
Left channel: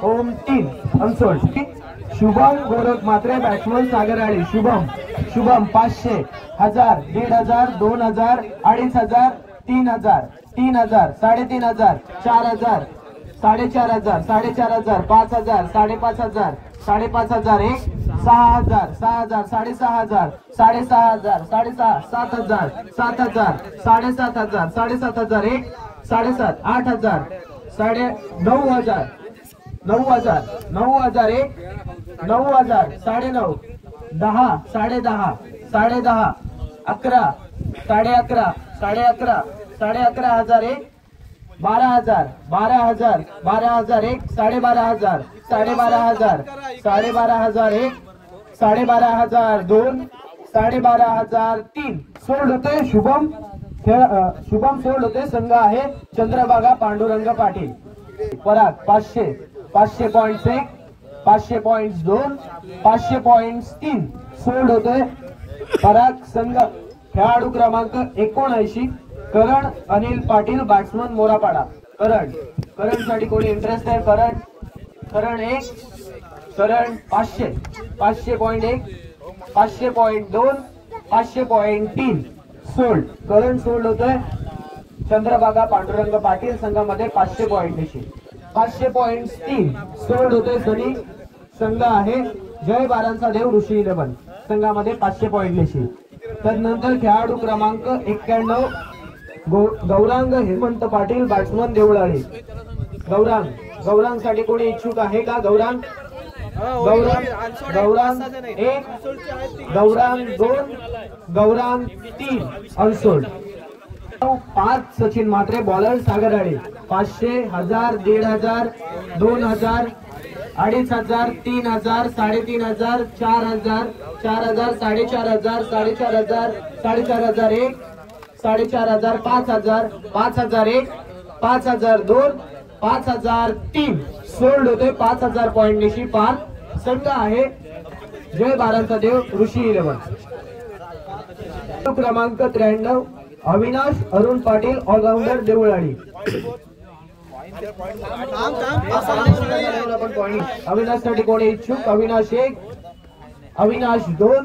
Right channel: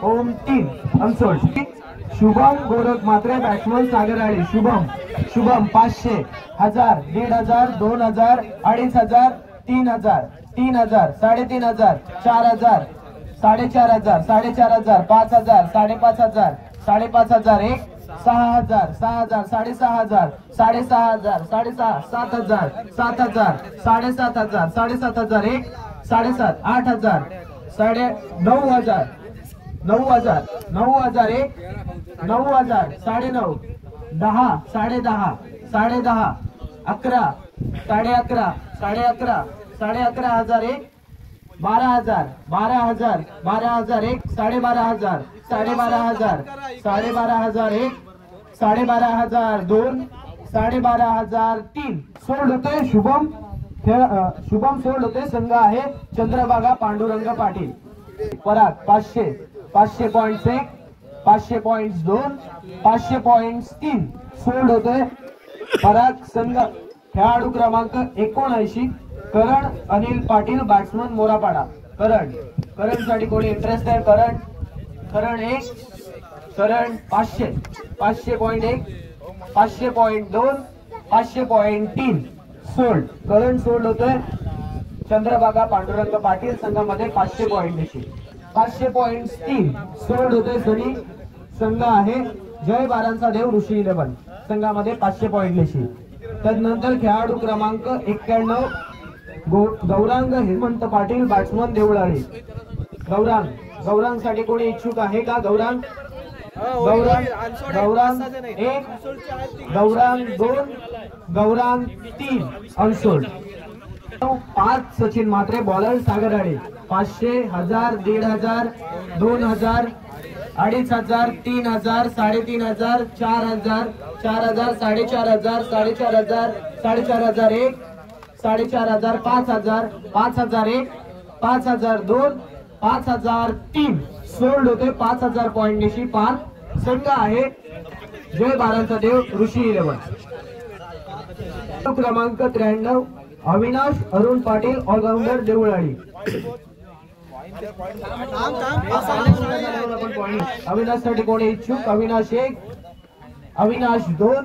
ओम 3 अनसोल्ड. शुभम गोरख मात्रे बॅट्समन सागराळी. शुभम 500 1000 1500 2000 2500 3000 3000 3500 4000 4500 4500 5000 5500 5501 6000 6000 6500 6500 7000 7000 7500 7501 7.5 8000 9000 9000 9001 9000 9.5 10 10.5 10.5 11 11.5 11.5 11,001 12,000 12,000 12,001 12,500 12,500 12,500 12,500 12,500 सोल्ड होते. शुभम सोल्ड होते. संघ आहे चंद्रभागा पांडुरंग पाटील. पराग 500 500.1 500.2 500.3 सोल्ड होते. पराग संघ. खेळाडू क्रमांक 79 करण अनिल पाटील बॅट्समन मोरापाडा. करण साठी कोणी इंटरेस्ट आहे? करण 1 करण 500 500.1 500.2 500.3 सोल्ड. करण सोल्ड होतोय. चंद्रभागा पांडुरंग पाटील संघामध्ये 500 पॉइंट 500.3 सोल्ड होते. सनी संघ आहे जय बारांचा देव ऋषी 11 संघामध्ये 500 पॉइंट. तदनंतर खेळाडू क्रमांक 91 गौरांग हेमंत पाटील बॅट्समन देवळाळी. गौरांग साठी कोणी इच्छुक आहे का? Gaurang 1 Gaurang 2 Gaurang 3 unsold. 5 Sachin Mhatre bowler सागराळे 500 1000 1500 2000 2500 3000 3500 4000 4000 4500 4500 4501 4500 5000 5001 5002 5003 sold होते 5000 पॉइंट निशी पार. संघ आहे जय बारांचा देव ऋषी 11. क्रमांक 93 अविनाश अरुण पाटील ऑलराऊंडर देवळाली. अविनाश साठी कोणी इच्छुक? Avinash 1, Avinash 2,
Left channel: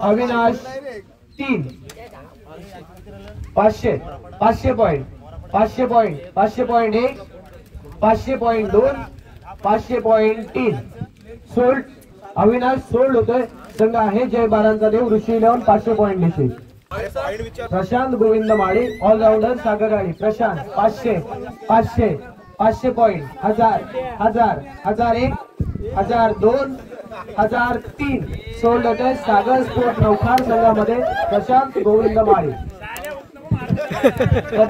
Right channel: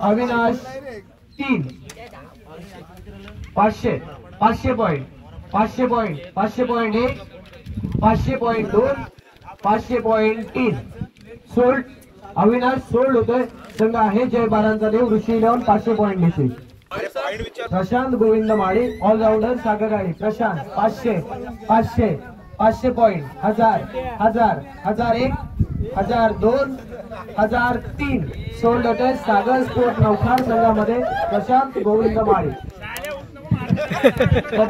Avinash 3. 500 point 500 point 500 point 1, 500 point 2, 500 point 3 sold. Avinash sold होतोय. संघ आहे जय बारांचा देव ऋषी 11 500 पॉइंट निश्चित. प्रशांत गोविंद माळी ऑलराऊंडर सागराळी. प्रशांत 500 500 500 पॉइंट 1000 1000 1001 1002 1003 सोल्ड होते. सागर स्पोर्ट नौखार संघामध्ये प्रशांत गोविंद माळी.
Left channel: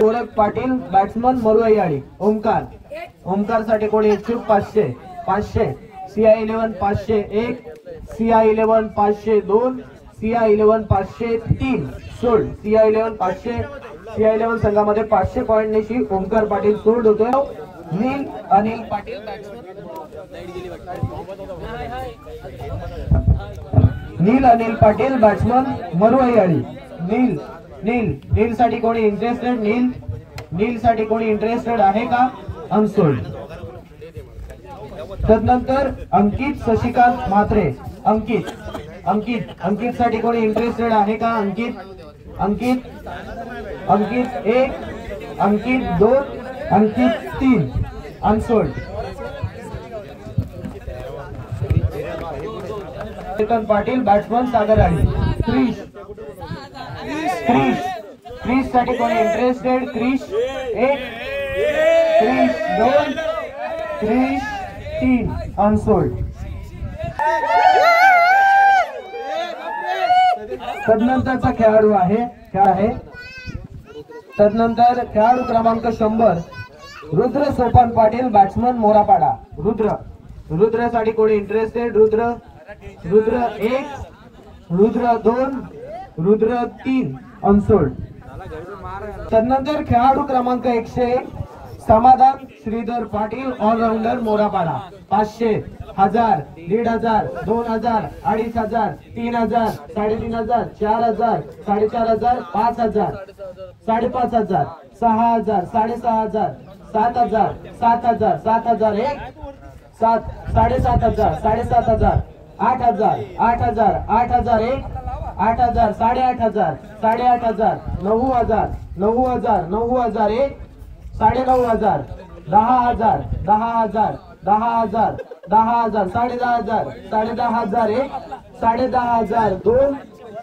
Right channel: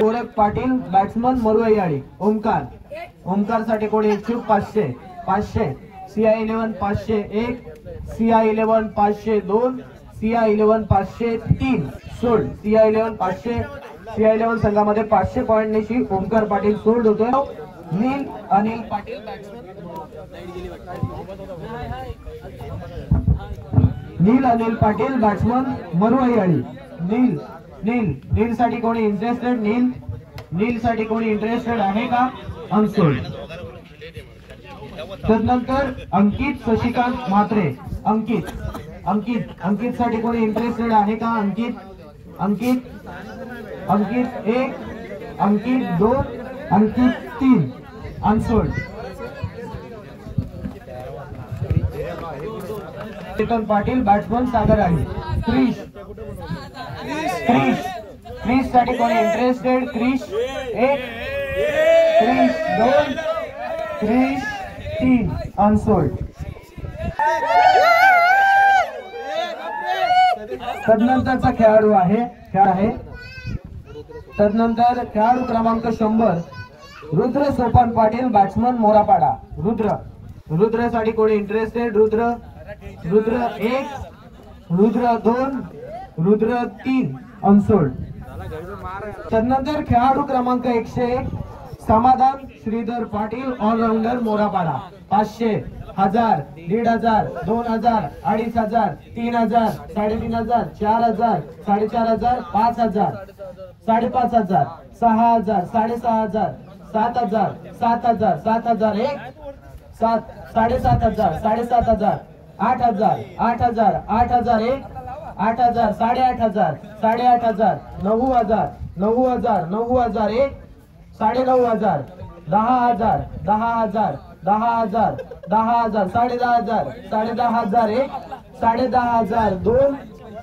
गोरख पाटील बॅट्समन मरुआई. ओमकार साठी कोणी इच्छुक? 500 500 CI11 501 CI11 502 CI11 503 sold. CI11 500 CI11 संघामध्ये 500 पॉइंट निशी ओमकार पाटील सोल्ड होते. नील अनिल पाटील बॅट्समन मरुआई. नील साठी कोणी इंटरेस्टेड? नील साठी कोणी इंटरेस्टेड आहे का? अनसोल्ड. तदनंतर अंकित शशिकांत म्हात्रे. अंकित साठी कोणी इंटरेस्टेड आहे का? अंकित 1, अंकित 2, अंकित 3 अनसोल्ड. चेतन पाटील बॅट्समन सागराळी. क्रिश साठी कोणी इंटरेस्टेड? क्रिश 1, क्रिश 2, क्रिश 3 अनसोल्ड. तदनंतरचा खेळाडू आहे तदनंतर खेळाडू क्रमांक 100 रुद्र सोपान पाटील बॅट्समन मोरापाडा. रुद्र साठी कोणी इंटरेस्टेड? रुद्र 1, रुद्र 2, रुद्र 3 अनसोल्ड. तदनंतर खेळाडू क्रमांक 101 समाधान श्रीधर पाटील ऑलराऊंडर मोरापाडा. 500 1000 1500 2000 2500 3000 3500 4000 4500 5000 5500 6000 6500 7000 7000 7001 7000 7500 8000 8000 8001 8000 8500 8500 9000 9000 9001 9000 10000 10000 10000 10000 10000 10000 1 10000 2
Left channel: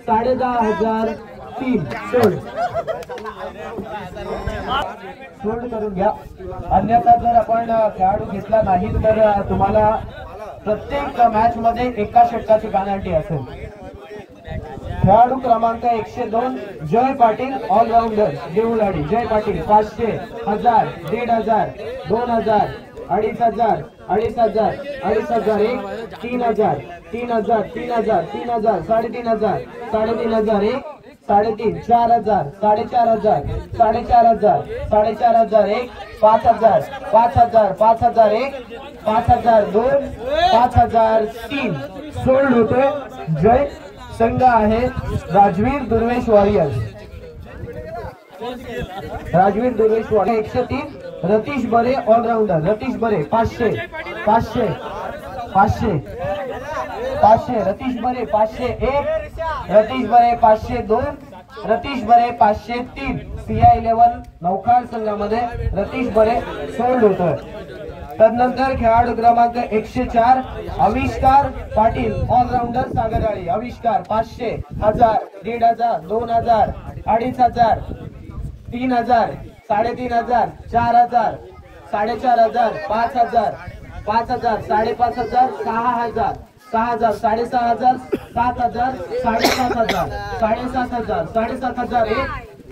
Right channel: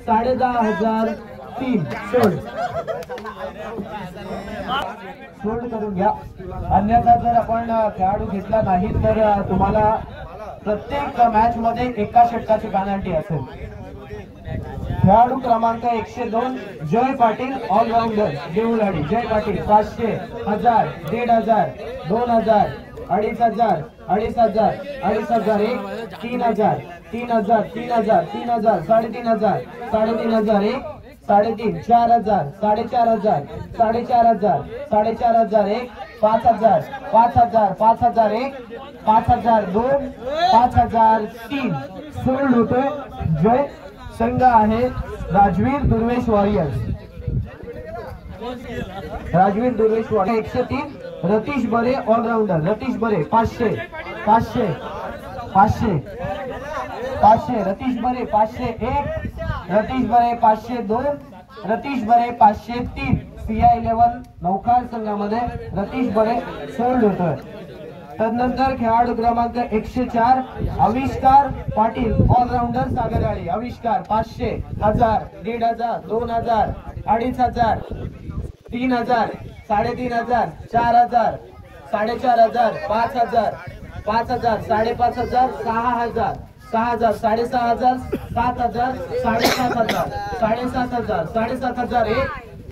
10000 3 सोल्ड करून घ्या. अन्यथा जर आपण खेळाडू घेतला नाही तर तुम्हाला प्रत्येक मॅच मध्ये एका षटकाची पेनल्टी असेल. खेळाडू क्रमांक 102 जय पाटील ऑलराऊंडर देवळाली. जय पाटील 500 1000 1500 2000 2500 2500 2500 1 3000 3000 3000 3000 3500 3500 1 3.5 4000 4500 4500 4500 1 5000 5000 5000 1 5000 2 5000 3 सोल्ड होते. जय संघ आहे राजवीर दुर्वेश वॉरियर्स. 103 रतीश बरे ऑलराऊंडर. रतीश बरे 500 500 500 500 रतीश बरे 501 रतीश बरे 502 रतीश बरे 503 CI11 नौखार संघामध्ये रतीश बरे सोल्ड होतोय. तदनंतर खेळाडू क्रमांक 104 आविष्कार पाटील ऑलराऊंडर सागराळी. आविष्कार 500 1000 1500 2000 2500 3000 3500 4000 4500 5000 5000 5500 6000 6000 6500 7000 7500 7500 7500 1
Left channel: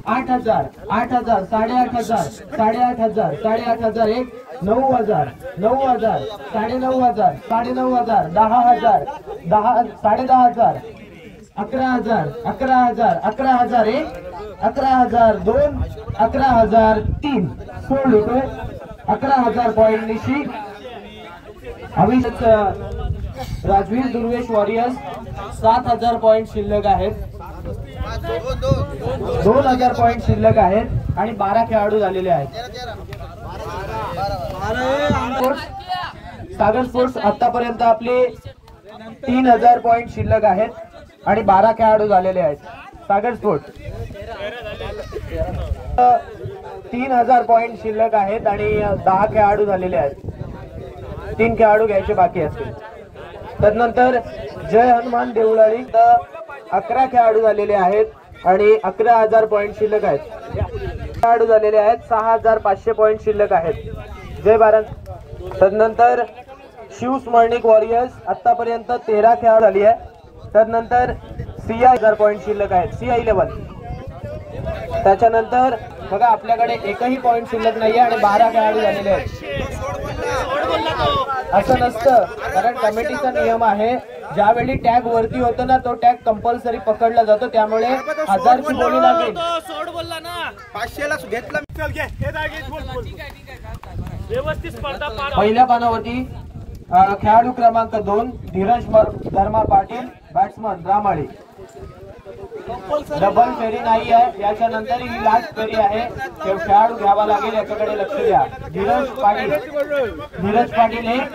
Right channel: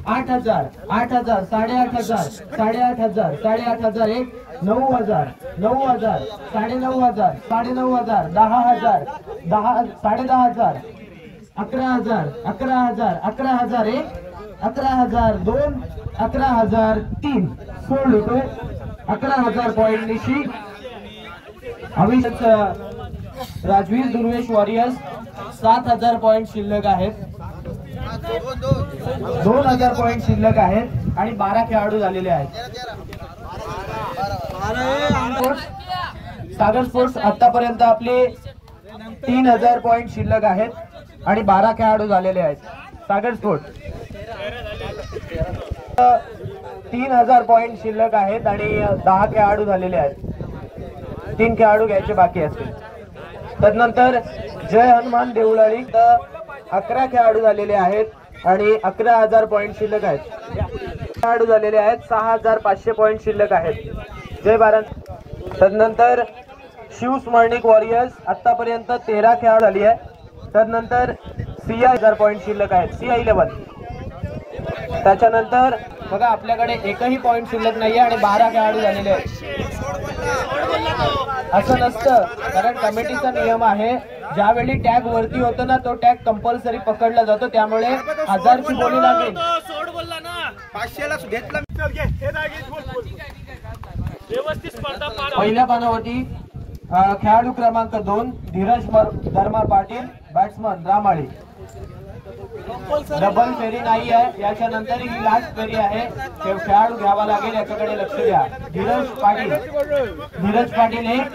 8000 8000 8500 8500 8500 1 9000 9000 9000 9500 10000 10000 11000 11000 11000 1 11000 2 11000 3 सोल्ड होतोय. 11,000 पॉइंट निशी राजवीर दुर्वेश वॉरियर्स 7,000 पॉइंट शिल्लक आहेत. 2,000 पॉइंट शिल्लक आहेत आणि 12 खेळाडू झालेले आहेत. सागर स्पोर्ट्स आतापर्यंत आपले 3,000 पॉइंट शिल्लक आहेत आणि 12 खेळाडू झालेले आहेत. सागर स्पोर्ट्स 3,000 पॉइंट शिल्लक आहेत आणि 10 खेळाडू झालेले आहेत. 3 खेळाडू घ्यायचे बाकी असतील. तदनंतर जय हनुमान देवळाली 11 खेळाडू झालेले आहेत आणि 11,000 पॉइंट शिल्लक आहेत. खेळाडू झालेले आहेत. 6,500 पॉइंट शिल्लक आहेत. जय भारत. तदनंतर शिव स्मरणिक वॉरियर्स आतापर्यंत 13 खेळाडू झाली आहे. तदनंतर CI पॉइंट शिल्लक आहेत. CI11. त्याच्यानंतर बघा आपल्याकडे एकही पॉइंट शिल्लक नाहीये आणि 12 खेळाडू झालेले आहेत. असं नसतं, कारण कमिटीचा नियम आहे ज्यावेळी टॅग वरती होतो ना तो टॅग कंपल्सरी पकडला जातो. त्यामुळे 1000ची बोली लागेल. पहिल्या पानावरती खेळाडू क्रमांक 2 धीरज धर्मा पाटील बॅट्समन रामाळी. डबल फेरी नाही आहे. याच्यानंतर ही लास्ट फेरी आहे. खेळाडू घ्यावा लागेल याच्याकडे लक्ष द्या. धीरज पाटील 1,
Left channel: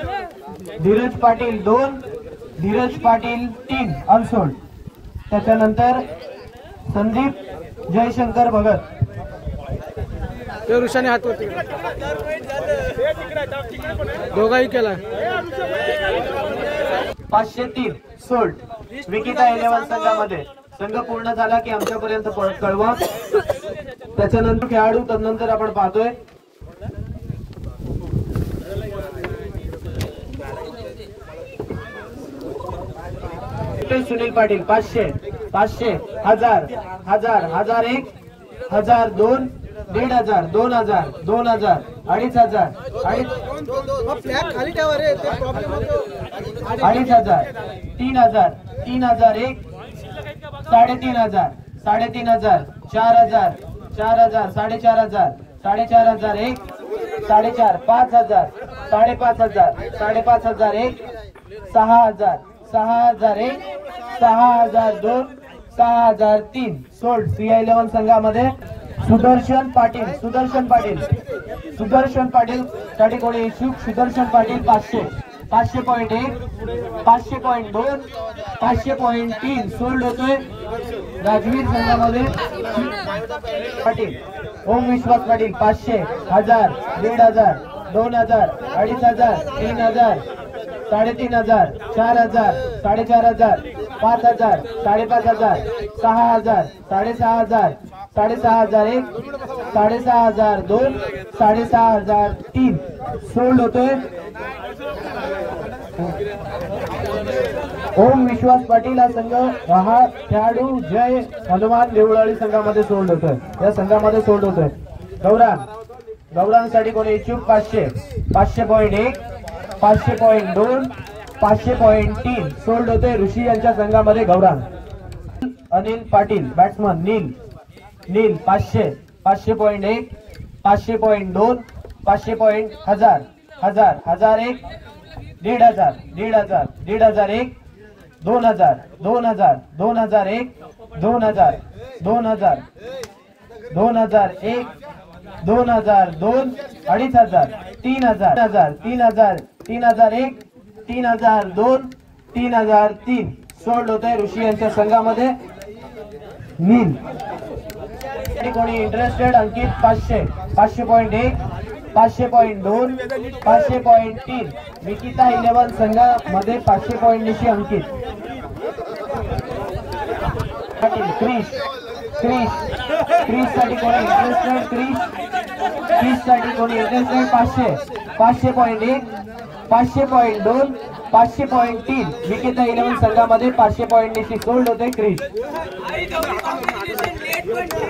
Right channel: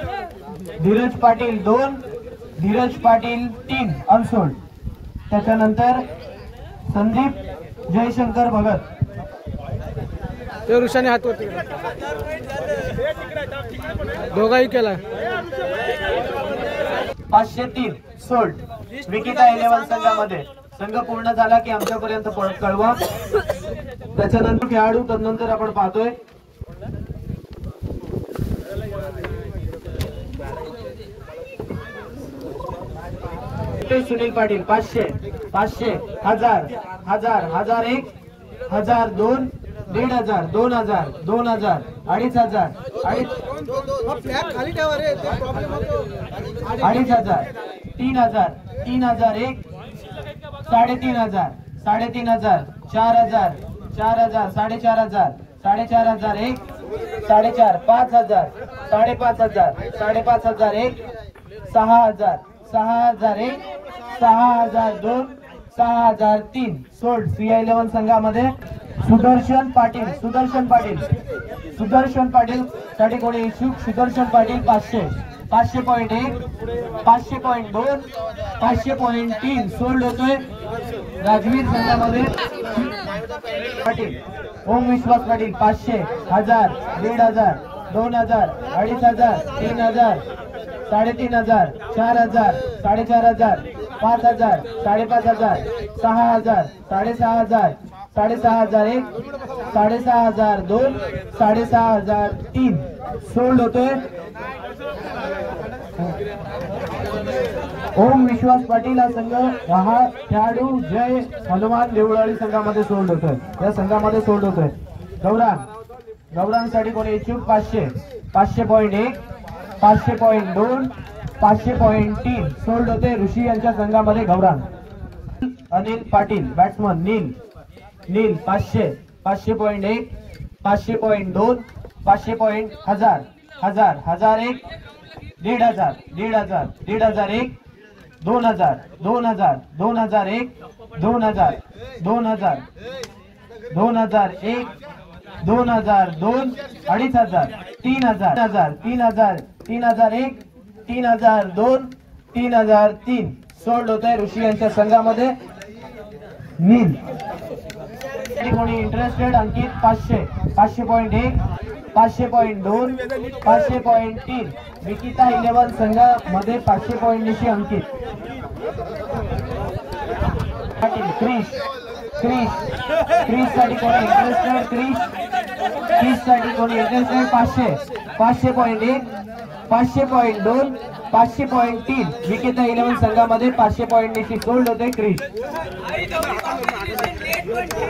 धीरज पाटील 2, धीरज पाटील 3 अनसोल्ड. त्याच्यानंतर संदीप जयशंकर भगत. ऋषाने हातवरती दोघाही केला. 503 सोल्ड. विकिता 11 संघामध्ये. संघ पूर्ण झाला की आमच्यापर्यंत कळवा. त्याच्यानंतर खेळाडू तदनंतर आपण पाहतोय. सुनील पाटील 500, 1000, 1000, 1001, 1002, 1,500, 2,000, 2,000, 2,500, 2,500, 3,000, 3,001, 3,500, 3,500, 4,000, 4,000, 4,500, 4,501, 4,500, 5,000, 5,500, 5,501, 6,000, 6,001, 6,002, 6,003 सोल्ड. CI11 संघामध्ये सुदर्शन पाटील साठी कोणी इच्छुक? सुदर्शन पाटील 500, 500.1, 500.2, 500.3 सोल्ड होतोय. राजवीर संघामध्ये पाटील ओम विश्वास पाटील 500, 1000, 1,500, 2,000, 2,500, 3,000, 3,500, 4,000, 4,500, 5,000, 5,500, 6,000, 6,500, 6,501, 6,502, 6,503 सोल्ड होतोय. ओम विश्वास पाटील हा संघ हा खेळाडू जय हनुमान देवळाली संघामध्ये सोल्ड होतोय. या संघामध्ये सोल्ड होतोय. गौरांसाठी कोणी इच्छुक? 500, 500.1, 500.2, 500.3 सोल्ड होते. ऋषी यांच्या संघामध्ये गौरांग. अनिल पाटील बॅट्समन नील 500, 500.1, 500.2, 500.1000, 1000, 1001, 1,500, 1,500, 1,501, 2,000, 2,000, 2,001, 2,000, 2,000, 2,001, 2,002, 2,500, 3,000, 3,000, 3,001, 3,002, 3,003 सोल्ड होते. ऋषी यांच्या संघामध्ये नील. कोणी इंटरेस्टेड? अंकित 500, 500.1, 500.2, 500.3 विकिता 11 संघामध्ये 500 पॉइंट निशी अंकित. क्रिस साठी कोणी इंटरेस्टेड? क्रिस साठी कोणी इंटरेस्टेड? 500, 500.1, 500.2, 500.3 विकिता 11 संघामध्ये 500 पॉइंट निशी सोल्ड होते. Chris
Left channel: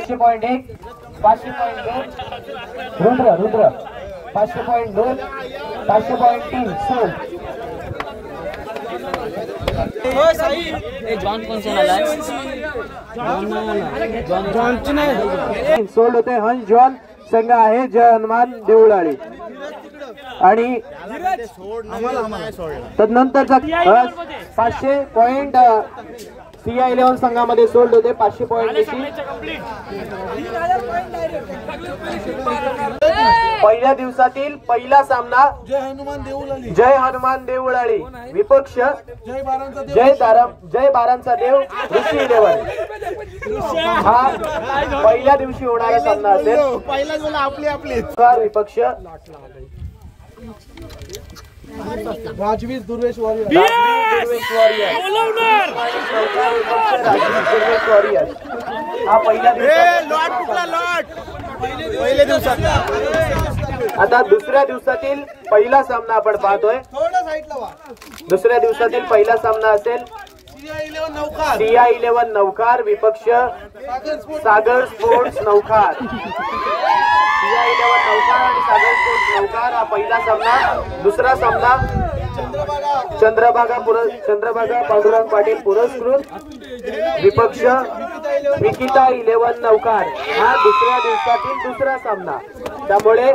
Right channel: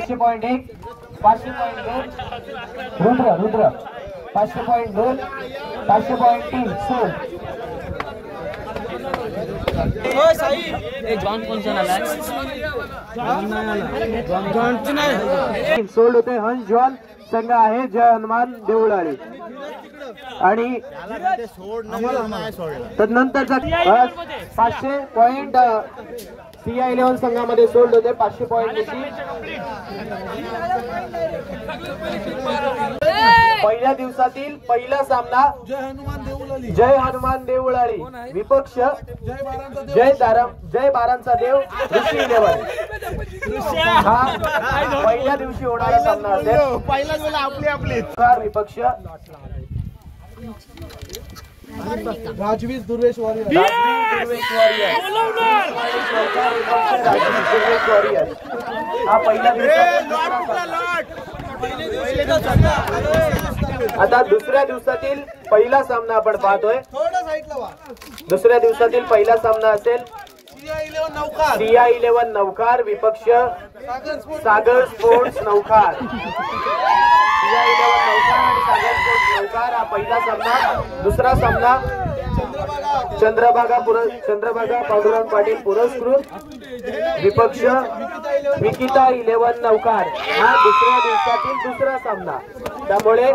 500.1, 500.2 Rudra 500.2, 500.3 sold. जॉन कौन सा नाला है? जॉन सोल्ड होते. हंस जॉन संघ आहे जय हनुमान देऊळाळी आणि तदनंतरचा 500 पॉइंट CI11 संघामध्ये सोडले होते 500 पॉइंट. पहिल्या दिवसातील पहिला सामना जय हनुमान देऊळाळी विपक्ष जय बारांचा देव ऋषी 11. हा पहिल्या दिवशी होणारा सामना असेल. पहिला गोल आपले विपक्ष राजवीर दुर्वेश वॉरियर. हा आता दुसऱ्या दिवसातील पहिला सामना आपण पाहतोय. दुसऱ्या दिवसातील पहिला सामना असेल CI11 नौकार विपक्ष सागर स्पोर्ट्स नौकार. CI11 नौकार आणि सागर स्पोर्ट्स नौकार हा पहिला सामना. दुसरा सामना चंद्रभागा पांडुरंग पाटील पुरस्कृत विपक्ष विकिता 11 नौकार. हा दुसऱ्या दिवसातील दुसरा सामना. त्यामुळे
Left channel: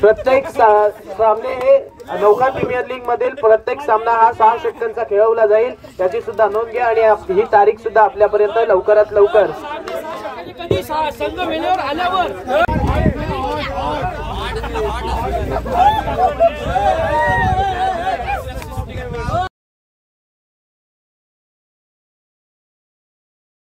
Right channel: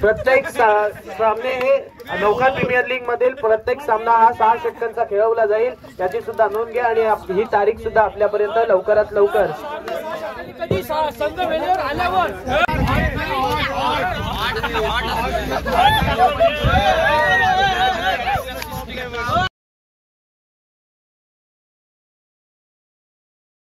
प्रत्येक सामने हे नौकार प्रीमियर लीग मधील प्रत्येक सामना हा 6 षटकांचा खेळवला जाईल. त्याची सुद्धा नोंद घ्या आणि ही तारीख सुद्धा आपल्यापर्यंत लवकरात लवकर. संघ वेळेवर आल्यावर